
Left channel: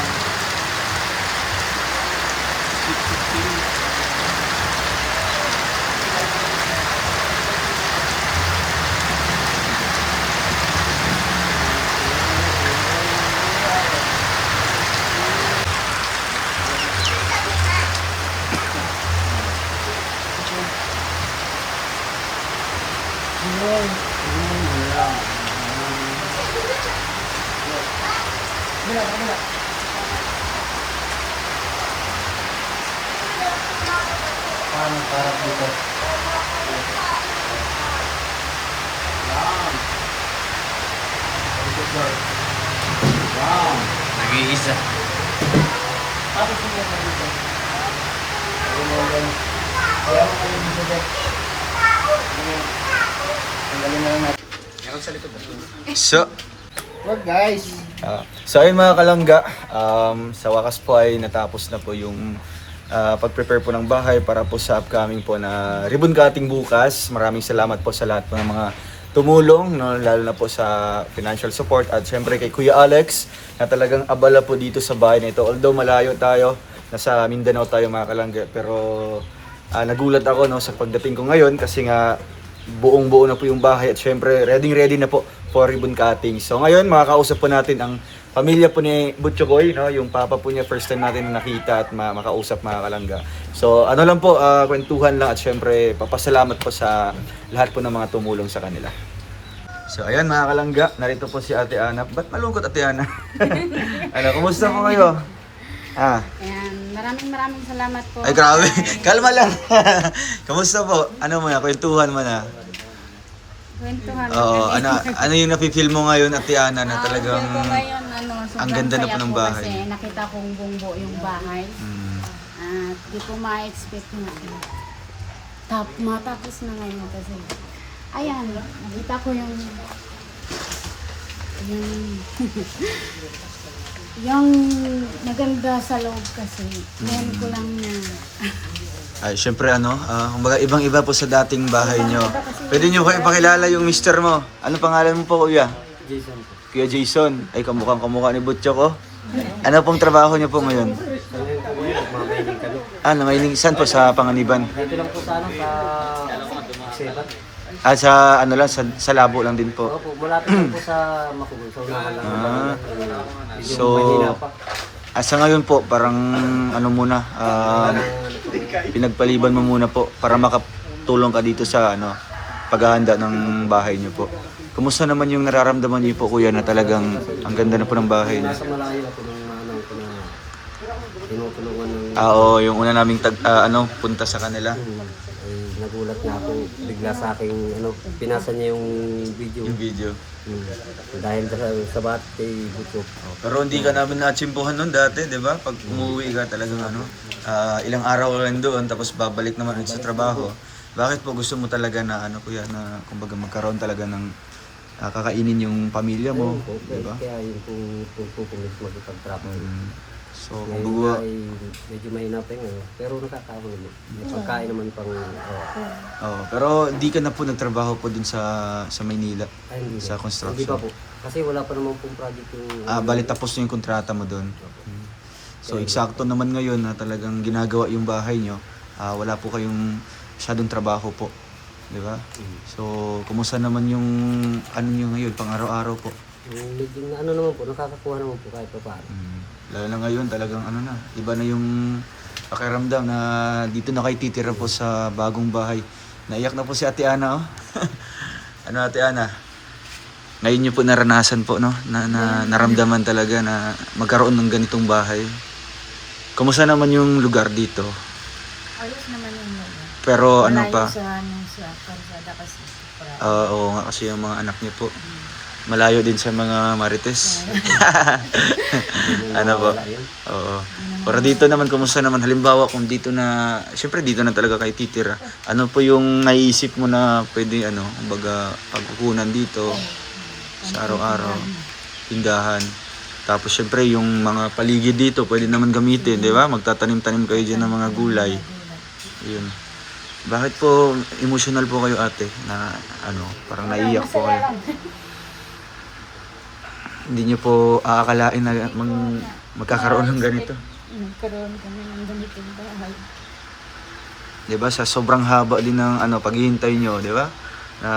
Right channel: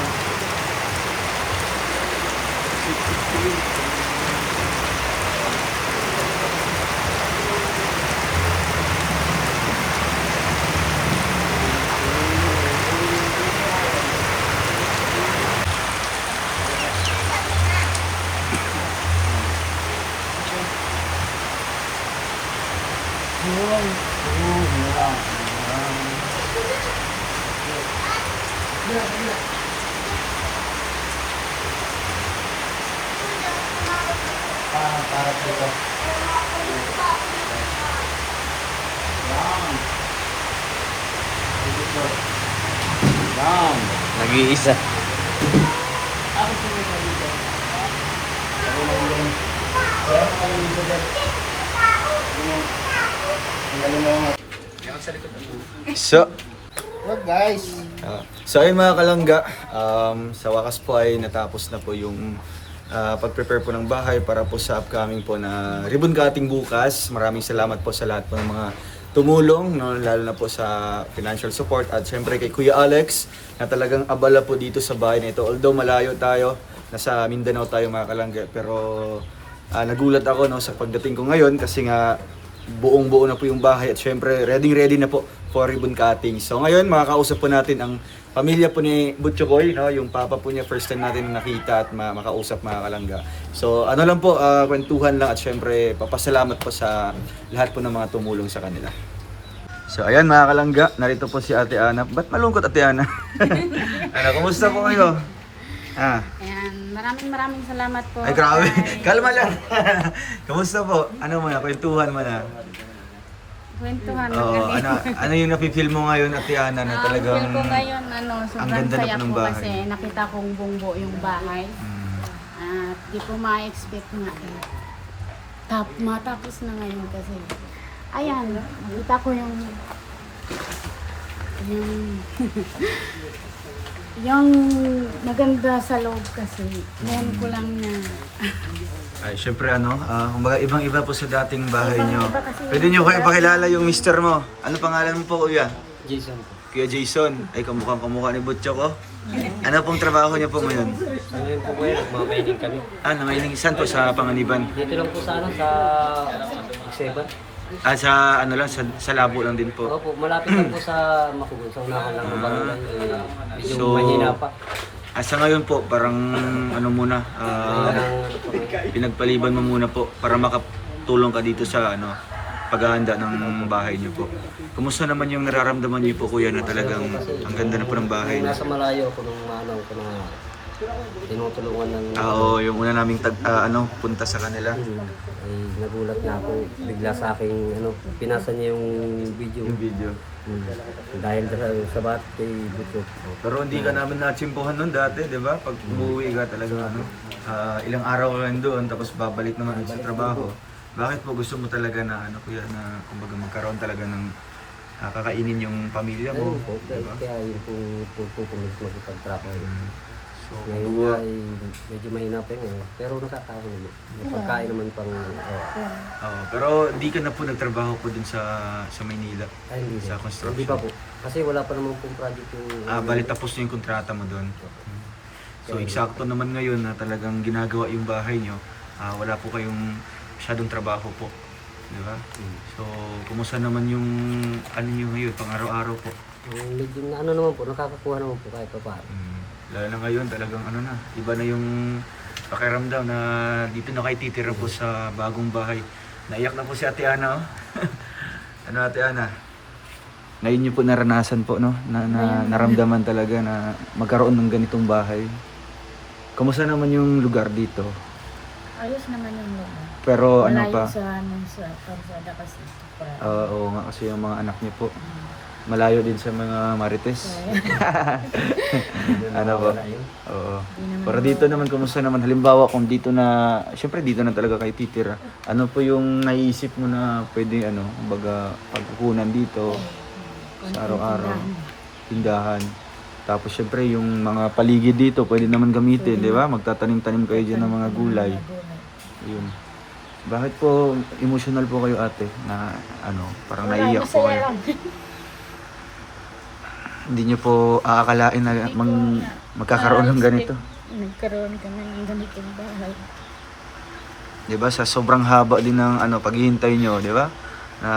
Nag-iisa. So, What guys? So ayun mga kalangga, sa wakas po ay natapos na po yung pag-prepare po ng bahay para po sa upcoming po na ribbon cutting bukas. Maraming salamat po sa lahat po ng mga tumulong, no, lalo na po sa financial support at syempre kay Kuya Alex na talagang abala po dito sa bahay na ito. Although malayo tayo, nasa Mindanao tayo mga kalangga, pero nagulat ako no, sa pagdating ko ngayon kasi nga buong-buo na po yung bahay at syempre ready na po for ribbon cutting. So ngayon makakausap po natin ang pamilya po ni Butchokoy, no? Yung papa po niya, first time natin nakita at makausap mga kalangga. So ano lang po, kwentuhan lang at syempre papasalamat po sa lahat po ng mga tumulong sa kanila. So ayan mga kalangga, narito po si Ate Ana. Ba't malungkot Ate Ana? Ano, kumusta po kayo? Ayan, maraming salamat po. Ay grabe, kalma lang. Kumusta po? Ano mo na, kwentuhan mo na. Kwentuhan Oo, ano yung napi-feel mo ngayon Ate Ana na talagang feel ko ngayon, sobrang ang ganda na saya po ng po bahay. kasi nakita kong buong-buo yung bahay. At di ko ma-expect nga. Matapos na ngayon kasi. Ayan, nakita ko yung yung maganda sa loob kasi. Ngayon ko lang na Ay, syempre kumbaga ibang-iba po sa dating bahay nyo. Ibang-iba kasi Pwede nyo kayo ipakilala yung mister mo. Ano pangalan mo po kuya? Jason po. Kuya Jason. Ay, kamukhang-kamukha ni Butcho ko. Ano pong trabaho niyo po ngayon? Ngayon po ngayon, nagmamailing kami. Namainin. Saan po sa Panganiban? Dito lang po sa Seban. Sa sa Labo lang din po. Opo, malapit lang po sa Makugon. Sa unahan lang. Medyo So, mahina pa. Sa ngayon po, parang muna, pinagpaliban mo muna po para makatulong ka dito sa paghahanda ng bahay niyo po. Kumusta naman yung nararamdaman niyo po kuya na talagang ang ganda na po ng bahay niyo? Nasa malayo ako nung manaw ko na tinutulungan ng Oo, yung una naming punta sa kanila. ay nagulat nga ako bigla sa aking pinasa niya yung video. Yung video. Dahil sa bat kay Butchok. Pero hindi ka namin na-achimpuhan nun dati, di ba? Pag umuwi ka talagang ilang araw ka lang doon, tapos babalik naman ulit sa trabaho. Bakit po gusto mo talaga na kuya, na kumbaga magkaroon talaga ng kakainin yung pamilya mo? Ayun po, Diba? kaya yun po makipag-travel. So, Ngayon kumbaga, ay medyo mahina pa yun. Pero nakakaon naman. May pagkain naman pang... pero hindi ka na po nagtrabaho po dun sa Maynila, Ay, hindi sa po. construction. Hindi pa po. Kasi wala pa naman pong project yung... Bali tapos na yung kontrata mo doon. So eksakto naman ngayon na talagang ginagawa yung bahay nyo, wala po kayong masyadong trabaho po. Di ba? So, kumusta naman yung nyo ngayon, pang araw-araw po? Medyo naman po, nakakakuha naman po kahit pa paano. Lalo na ngayon talagang iba na yung pakiramdam na dito na kayo titira po sa bagong bahay. Naiyak na po si Ate Ana, oh. Ate Ana? Ngayon nyo po naranasan po, no? Na naramdaman talaga na magkaroon ng ganitong bahay. Kumusta naman yung lugar dito? Ayos naman yung lugar. Pero Malayo pa? sa sa Parsada kasi. Oo nga kasi yung mga anak niyo po. Malayo din sa mga marites. Po? Oo. Pero dito naman, kumusta naman? Halimbawa kung dito na, siyempre dito na talaga kayo titira. Ano po yung naiisip mo na pwede, kumbaga, pagkukunan dito sa araw-araw, tindahan. Tapos siyempre yung mga paligid dito, pwede naman gamitin, di ba? Magtatanim-tanim kayo dyan ng mga gulay. Yun. Bakit po emotional po kayo ate na parang naiiyak po kayo? Hindi niyo po aakalain na magkakaroon ng ganito. Nagkaroon kami ng ganitong bahay. 'Di ba? Sa sobrang haba din ng paghihintay niyo, 'di ba? Na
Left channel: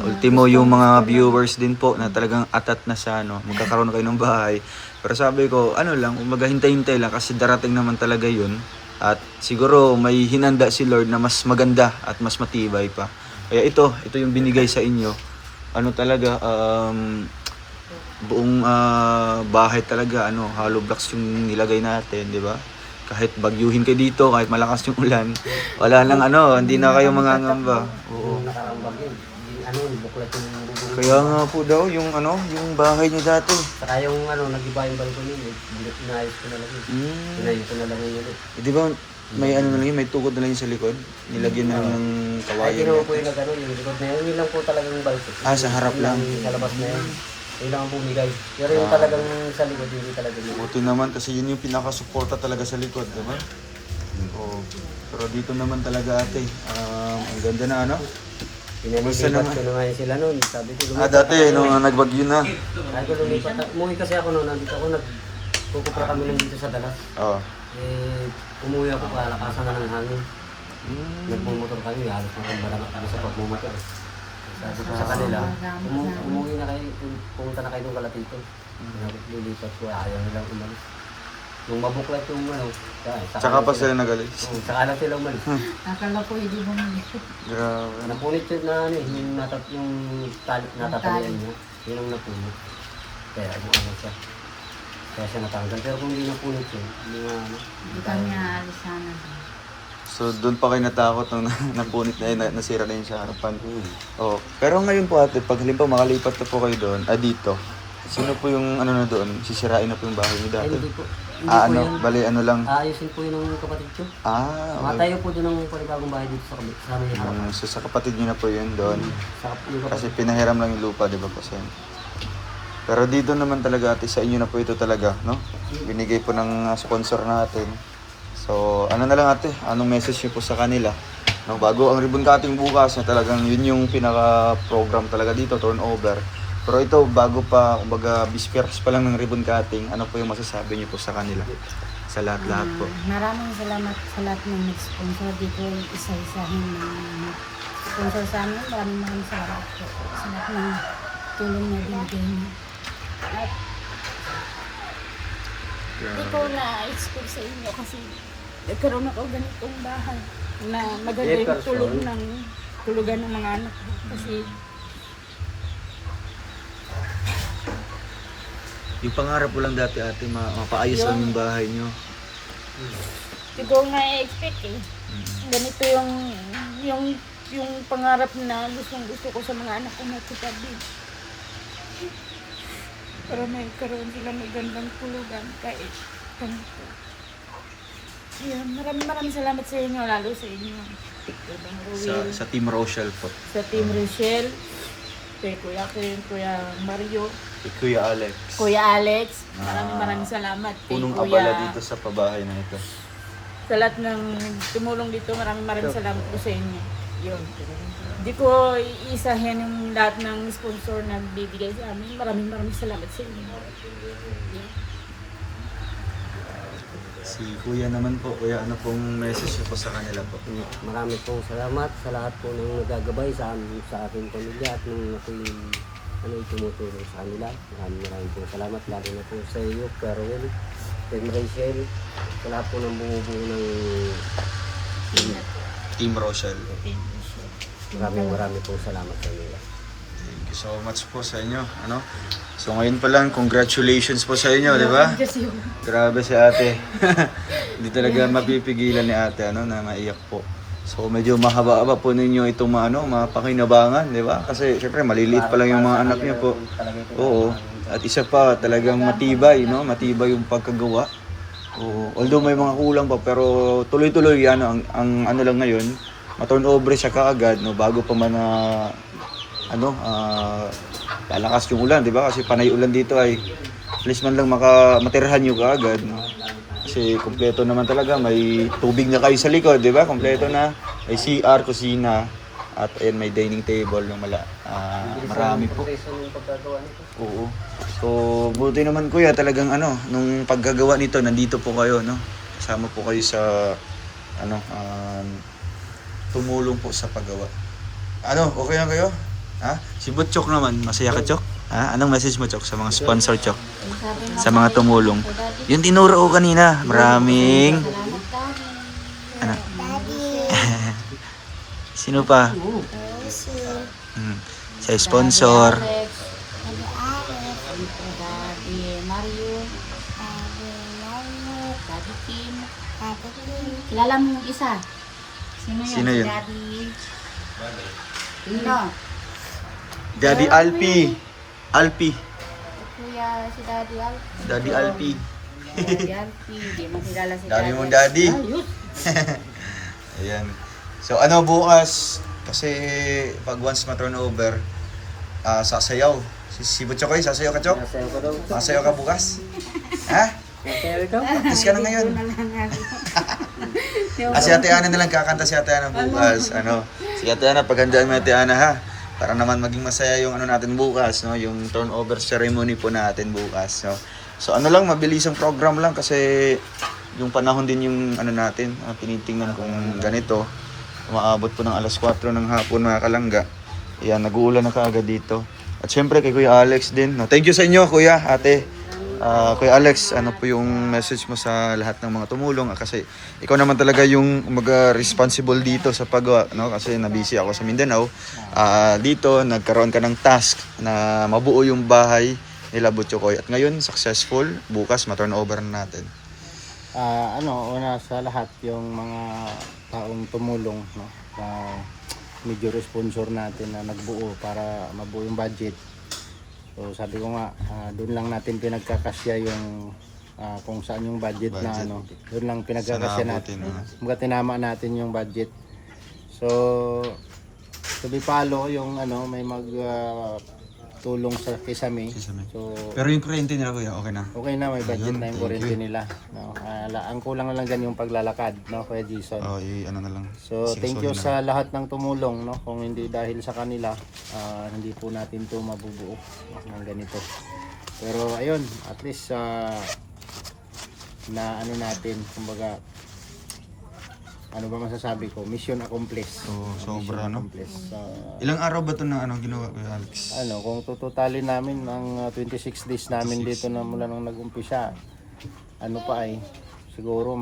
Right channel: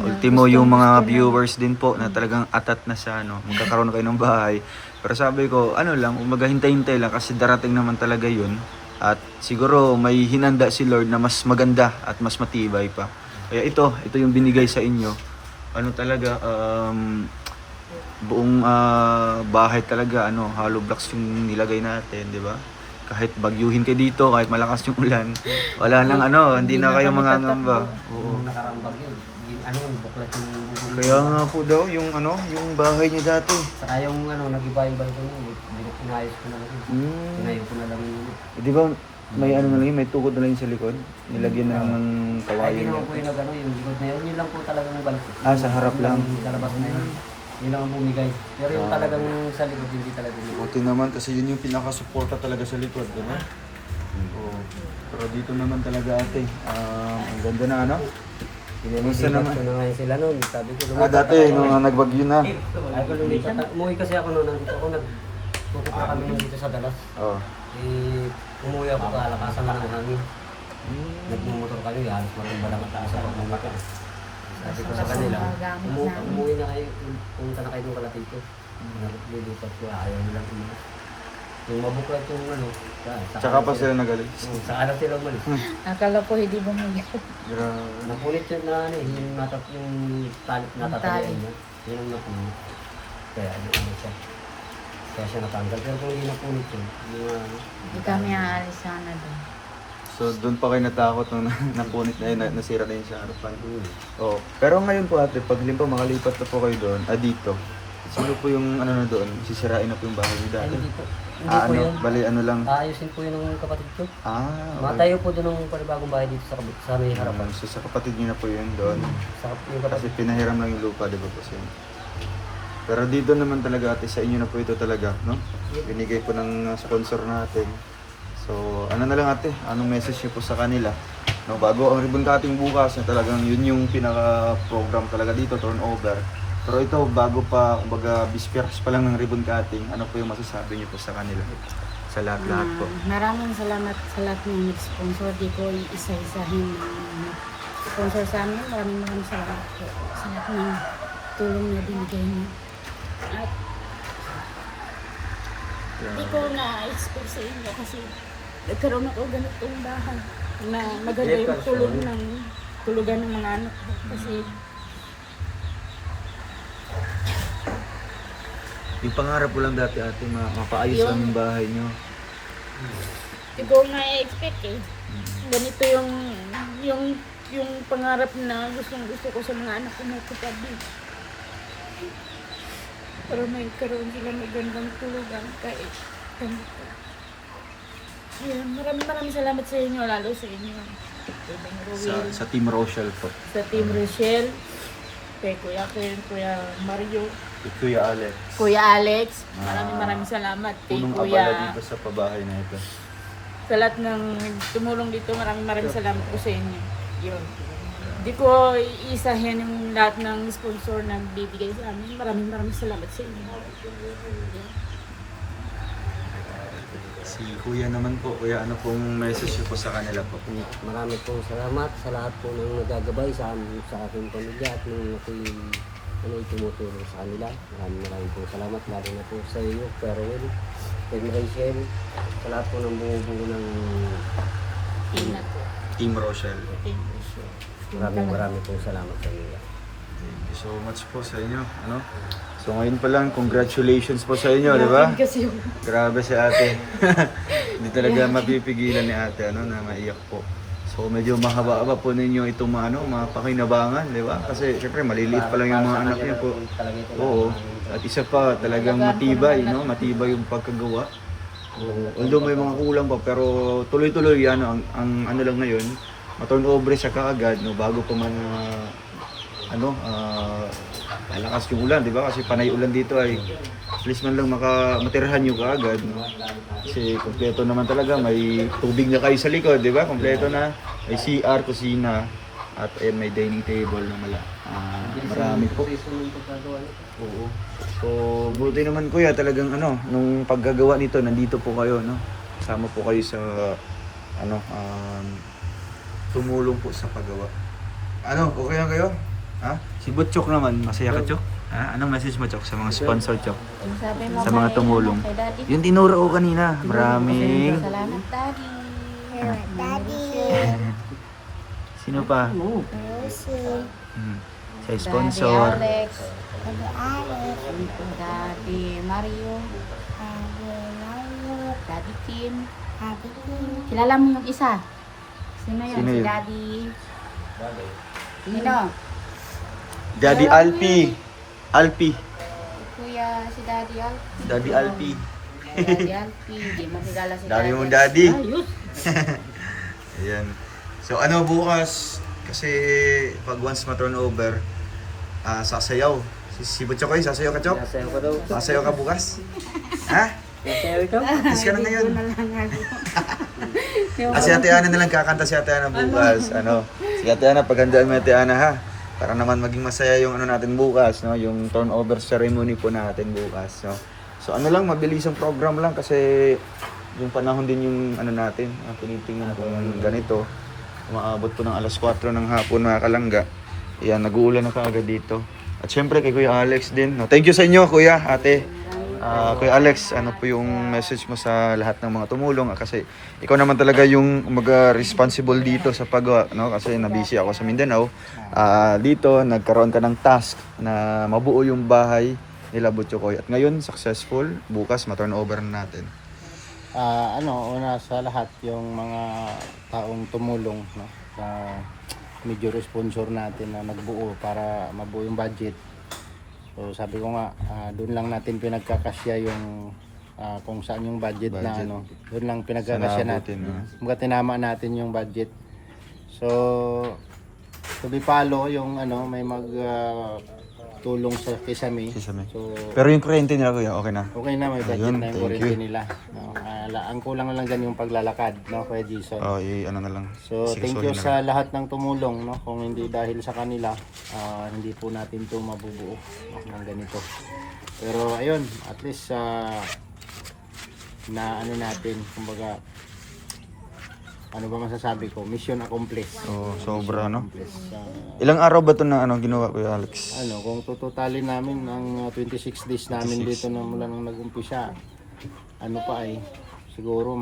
ultimo yung mga viewers din po na talagang atat na sa magkakaroon kayo ng bahay. Pero sabi ko, lang, maghahintay-hintay lang kasi darating naman talaga 'yun. At siguro may hinanda si Lord na mas maganda at mas matibay pa. Kaya ito yung binigay sa inyo. Talaga buong bahay talaga, hollow blocks yung nilagay natin, di ba? Kahit bagyuhin kayo dito, kahit malakas yung ulan, wala nang hindi na kayo mangangamba. Oo. Nakarambag yun. Buklat yung... Kaya nga po daw, yung bahay niya dati. Saka yung nag-iba yung balcony, inayos ko na lang yun. Inayos ko na lang yun. Di ba, may na lang yun, may tukod na lang yun sa likod? Nilagyan na lang ng Ay, kawayan ginawa niya. po yung likod na yun. Yun lang po talagang balcony. Sa harap lang. Sa labas na yun. Yun lang ang bumigay. Pero yung talagang sa likod, hindi talaga yun. Buti naman kasi yun yung pinaka-suporta talaga sa likod, di ba? Oo. Pero dito naman talaga ate, ang ganda na Kumusta Pinalipat naman? ko na ngayon sila noon. Sabi ko, lumipat Dati, ako. nung nagbagyo na. Sabi ko, lumipat na. Umuwi kasi ako noon. Nandito ako, nagpupupra kami nung dito sa Dallas. Oo. Umuwi ako kalakasan nga ng hangin. Nagmumotor kami, halos marambalang kami sa pagmumotor. Sabi ko sa kanila, umuwi na kayo, pumunta na kayo ng Kalapito. Lilipat ko, ayaw nilang umalis. Nung mabuklat yung Tsaka pa sila nagalis. Saka na sila umalis. Akala ko hindi bumili. Grabe. Napunit yun na yung tali natatalian niya. Yun ang napunit. Kaya siya. Kaya siya natanggal. Pero kung hindi napunit yun, hindi Hindi kami aalis sana doon. So doon pa kayo natakot nung napunit na yun, nasira na yun sa Oo. Pero ngayon po ate, pag halimbawa makalipat na po kayo doon, dito, sino po yung na doon? Sisirain na po yung bahay niyo Ay, dati? hindi po. Hindi po yun. Bali lang. Aayusin po yun ng kapatid ko. Okay. Matayo po doon ng panibagong bahay dito sa may harapan. So sa kapatid niyo na po yun doon. Yung Kasi kapatid. pinahiram lang yung lupa, di ba po sir? Pero dito naman talaga ate, sa inyo na po ito talaga, no? Binigay po ng sponsor natin. So, na lang ate, anong message niyo po sa kanila? No, bago ang ribbon cutting bukas, na talagang yun yung pinaka-program talaga dito, turnover. Pero ito, bago pa, kumbaga, bisperas pa lang ng ribbon cutting, ano po yung masasabi niyo po sa kanila? Sa lahat-lahat po. Maraming salamat sa lahat ng nag-sponsor. Di ko isa-isahin na sponsor sa amin. Maraming salamat po sa lahat ng tulong na binigay niyo. At di ko na-expect sa inyo kasi nagkaroon ako ganitong bahay na maganda yung tulong ng tulugan ng mga anak ko. Kasi Yung pangarap ko lang dati ate, mapaayos lang yung bahay nyo. hindi ko nga i-expect eh. Ganito yung pangarap na gusto ko sa mga anak ko na katabi. Para may karoon sila magandang tulugan kahit ganito. Ayun, maraming salamat sa inyo, lalo sa inyo. Kay Bang Ruel, Sa Team Rochelle po. sa Team Rochelle, kay Kuya Ken, Kuya Mario, Kuya Alex. Kuya Alex. Maraming salamat kay Punong Kuya. abala dito sa pabahay na ito. Sa lahat ng tumulong dito, maraming salamat po sa inyo. Yun. Hindi ko iisahin yung lahat ng sponsor na bibigay sa amin. Maraming salamat sa inyo. Yun. Si Kuya naman po, Kuya, ano pong message niyo po sa kanila po? Marami pong salamat sa lahat po ng nagagabay sa aking pamilya at nung ako'y tumutulong sa kanila. Maraming pong salamat, lalo na po sa iyo, Kuya Ruel, Team Rachel, sa lahat po ng bumubuo ng Team Rochelle. maraming pong salamat sa inyo. Thank you so much po sa inyo. Ano? So ngayon pa lang, congratulations po sa inyo, di ba? Kasi Grabe si ate. Hindi talaga mapipigilan ni ate ano, na maiyak po. So medyo mahaba-haba po ninyo itong mapakinabangan, di ba? Kasi syempre maliliit pa lang yung mga anak niyo po. Oo. At isa pa, talagang matibay, no? Matibay yung pagkagawa. Oo. Although may mga kulang pa, pero tuloy-tuloy ano, ang ano lang ngayon, ma-turnover siya kaagad, no? Bago pa man lalakas yung ulan, di ba? Kasi panay ulan dito ay at least man lang matirhan nyo kaagad, no? Kasi kompleto naman talaga, may tubig na kayo sa likod, di ba? Kompleto na, may CR, kusina, at ayan, may dining table, no? Marami po. Oo. So, buti naman kuya, talagang nung paggagawa nito, nandito po kayo, no? Kasama po kayo sa, tumulong po sa paggawa. Okay lang kayo? Ha? Si Butchok naman, masaya ka, Chok? Ha? Anong message mo, Chok, sa mga sponsor, Chok? Sa mga tumulong. Yung tinuro ko kanina, maraming... Sino pa? Sa sponsor. Daddy Mario, Daddy Kim. Kilala mo yung isa? Sino yun? Sino yun? Si Daddy. Sino? Daddy Alpi. Alpi. Kuya, si Daddy Alpi. Daddy Alpi. Daddy Alpi. Di mo kilala si Dami Daddy. mong daddy. Ayos. Ayan. So bukas, kasi pag once ma-turnover, sasayaw. Si Butchokoy, sasayaw ka, Chok? Nasayaw ko daw. Sasayaw ka bukas? Ha? Nasayaw ikaw? Practice ka na ngayon. Doon na lang ako. Si Ate Ana na lang kakanta si Ate Ana bukas. Si Ate Ana, paghandaan mo Ate Ana ha. Para naman maging masaya yung natin bukas, no? Yung turnover ceremony po natin bukas, no? So lang, mabilisang program lang kasi yung panahon din yung natin, tinitingnan kung ganito. Umaabot po ng alas 4 ng hapon mga kalangga. Ayan, nag-uulan na kaagad dito. At syempre kay Kuya Alex din, no? Thank you sa inyo, Kuya, Ate. Kuya Alex, ano po yung message mo sa lahat ng mga tumulong? Kasi ikaw naman talaga yung responsible dito sa paggawa, no? Kasi nabisi ako sa Mindanao. Dito, nagkaroon ka ng task na mabuo yung bahay nila Butchokoy. At ngayon, successful. Bukas, ma-turnover na natin. Una sa lahat yung mga taong tumulong, no? Major sponsor natin na nagbuo para mabuo yung budget. So sabi ko nga, doon lang natin pinagkakasya yung kung saan yung budget. Na doon lang pinagkakasya natin. Mga tinama natin yung budget. So to be follow yung may tulong sa Kisame. So Pero yung kuryente nila, Kuya, okay na? okay na, may budget Ayun, na yung thank kuryente you. nila. No? Ang kulang na lang dyan yung paglalakad, no, Kuya Jason. Na lang. So, thank you sa lahat ng tumulong, no? Kung hindi dahil sa kanila, hindi po natin 'to mabubuo ng ganito. Pero ayun, at least na natin, kumbaga ano ba masasabi ko? Mission accomplished. Sobra, no? Accomplished. Ilang araw ba ito na ginawa, Kuya Alex? Kung tututalin namin ang 26 days namin dito na mula nung nag-umpisa, siguro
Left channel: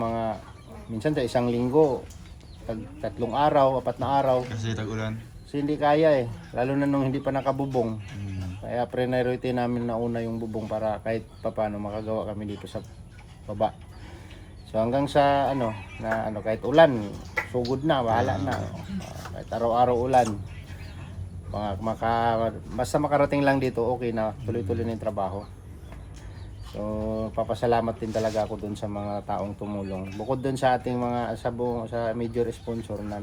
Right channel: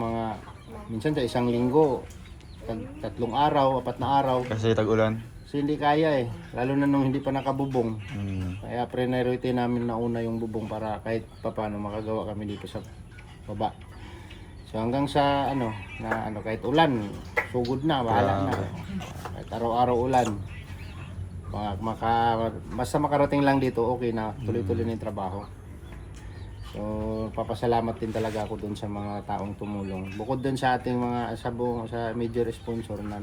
minsan sa isang linggo, 3 araw, 4 na araw. Kasi tag-ulan. Kasi hindi kaya lalo na nung hindi pa nakabubong. Kaya priority namin na una yung bubong para kahit papaano makagawa kami dito sa baba. So hanggang sa kahit ulan, sugod na, bahala na. Kahit araw-araw ulan. Basta makarating lang dito, okay na, tuloy-tuloy na yung trabaho. So papasalamat din talaga ako dun sa mga taong tumulong. Bukod dun sa ating mga sa major sponsor na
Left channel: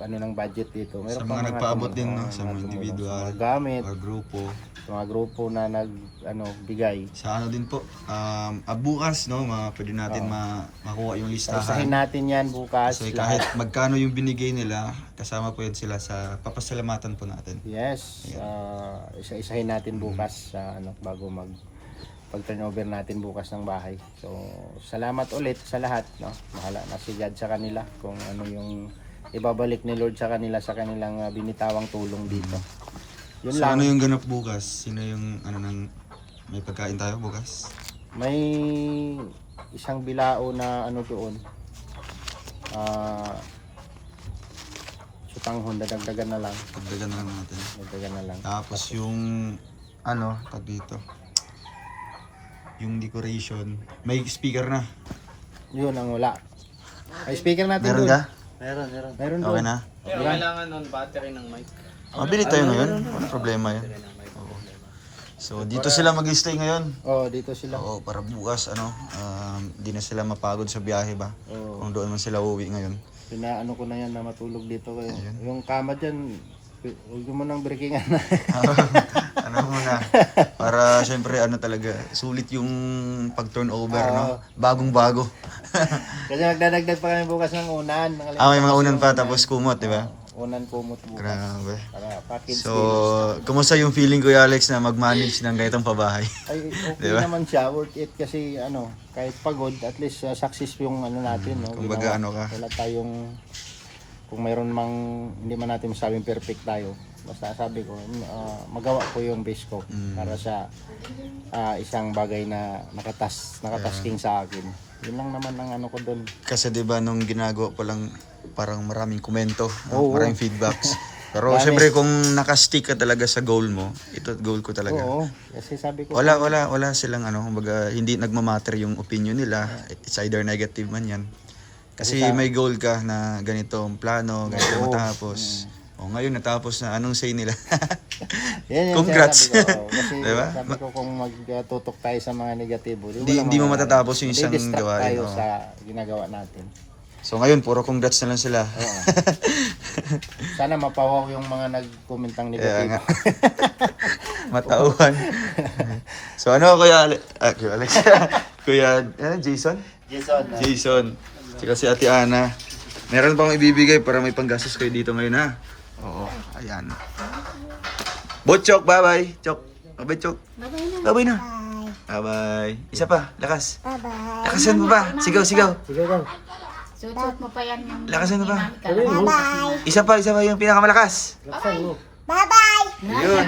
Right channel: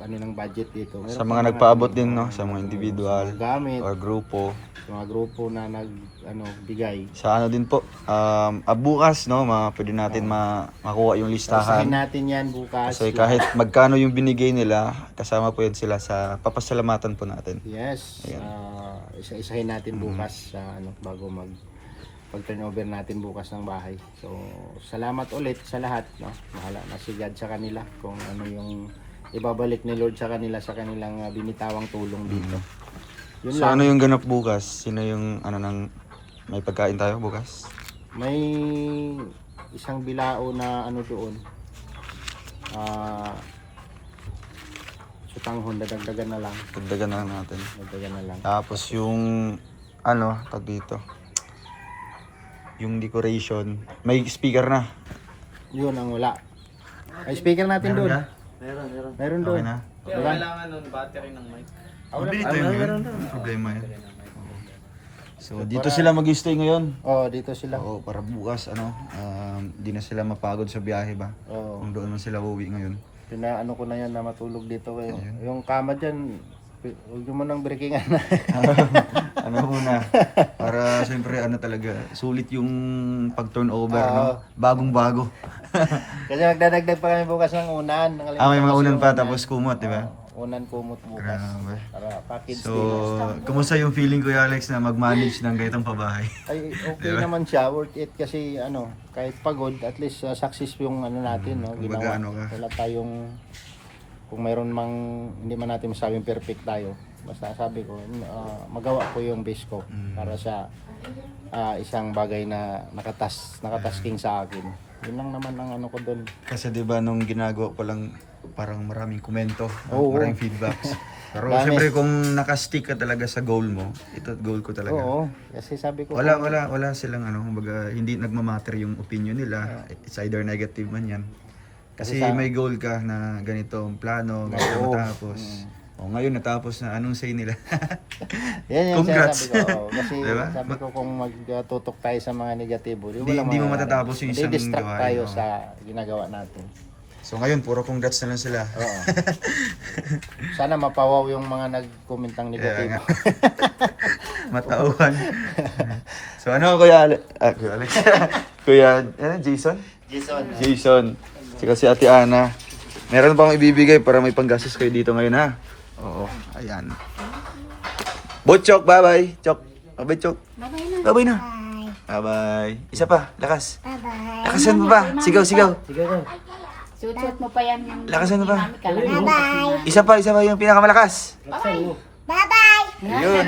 ng budget dito. Sa Meron mga pa nagpaabot din, no? Sa mga individual sa mga gamit, or grupo. sa mga grupo na bigay. Sa ano din po, bukas, no? Pwede natin makuha yung listahan. Isahin natin yan bukas. Kasi kahit magkano yung binigay nila, kasama po yun sila sa papasalamatan po natin. Yes. Isa-isahin natin bukas sa bago pag-turnover natin bukas ng bahay. So, salamat ulit sa lahat, no? Bahala na si God sa kanila kung ano yung ibabalik ni Lord sa kanila sa kanilang binitawang tulong dito. Yun So lang. ano yung ganap bukas? Sino yung may pagkain tayo bukas? May isang bilao na doon. Sutanghon, dadagdagan na lang. Dagdagan na lang natin. Dagdagan na lang. Tapos yung tag dito. Yung decoration, may speaker na. Yun ang wala. Ay, speaker natin Meron doon. ka? Meron doon. Okay na. Diba? Mabili tayo ngayon. Ano problema yun? Oo. So dito sila mag-stay ngayon. Dito sila. Oo, para bukas di na sila mapagod sa biyahe ba? Oo. Kung doon man sila uuwi ngayon. Pinaano ko na yan na matulog dito kayo. Yung kama dyan, huwag mo nang breakingan na. Muna? Para syempre talaga, sulit yung pag-turnover, no? Bagong-bago. Kasi magdadagdag pa kami bukas ng unan. May mga unan pa tapos kumot, di ba? Unan kumot bukas. Grabe. Para package So, deal. kumusta yung feeling Kuya Alex na mag-manage ng ganitong pabahay? Ay, okay naman siya. Worth it kasi kahit pagod, at least success yung natin. No? Kumbaga, Ginawa. ka? Wala tayong, kung mayroon hindi man natin masabing perfect tayo. Basta sabi ko, magawa ko yung best ko para sa isang bagay na nakatasking sa akin. Yun lang naman ang ko doon. Kasi 'di ba nung ginagawa pa lang parang maraming komento, Oo. maraming feedbacks. Pero Dami. syempre kung naka-stick ka talaga sa goal mo, ito goal ko talaga. Oo, kasi sabi ko, Wala silang kumbaga hindi nagmamatter yung opinion nila. It's either negative man 'yan. Kasi may goal ka na ganito ang plano, ganito matapos. Ngayon natapos na, anong say nila? yan yung Congrats. sinasabi ko. Kasi Diba? sabi ko kung magtutok tayo sa mga negatibo, Hindi mo matatapos yung isang distract gawain, tayo oo. sa ginagawa natin. So ngayon puro congrats na lang sila. Oo. Sana mapawaw yung mga nag-commentang Kaya negatibo. nga. Matauhan. So Kuya Alex? Kuya Jason? Jason. Tsaka si Ate Ana. Meron pa akong ibibigay para may panggastos kayo dito ngayon, ha? Oo, ayan. Botchok, bye-bye. Chok. Bye-bye, Chok. Bye-bye na. Bye-bye. Isa pa, lakas. Bye-bye. Lakasan mo pa. Sigaw. Sige daw. Suot mo pa yan yung Lakasan mo pa. Bye-bye. Isa pa yung pinakamalakas. Laksan mo. Bye-bye. Yun.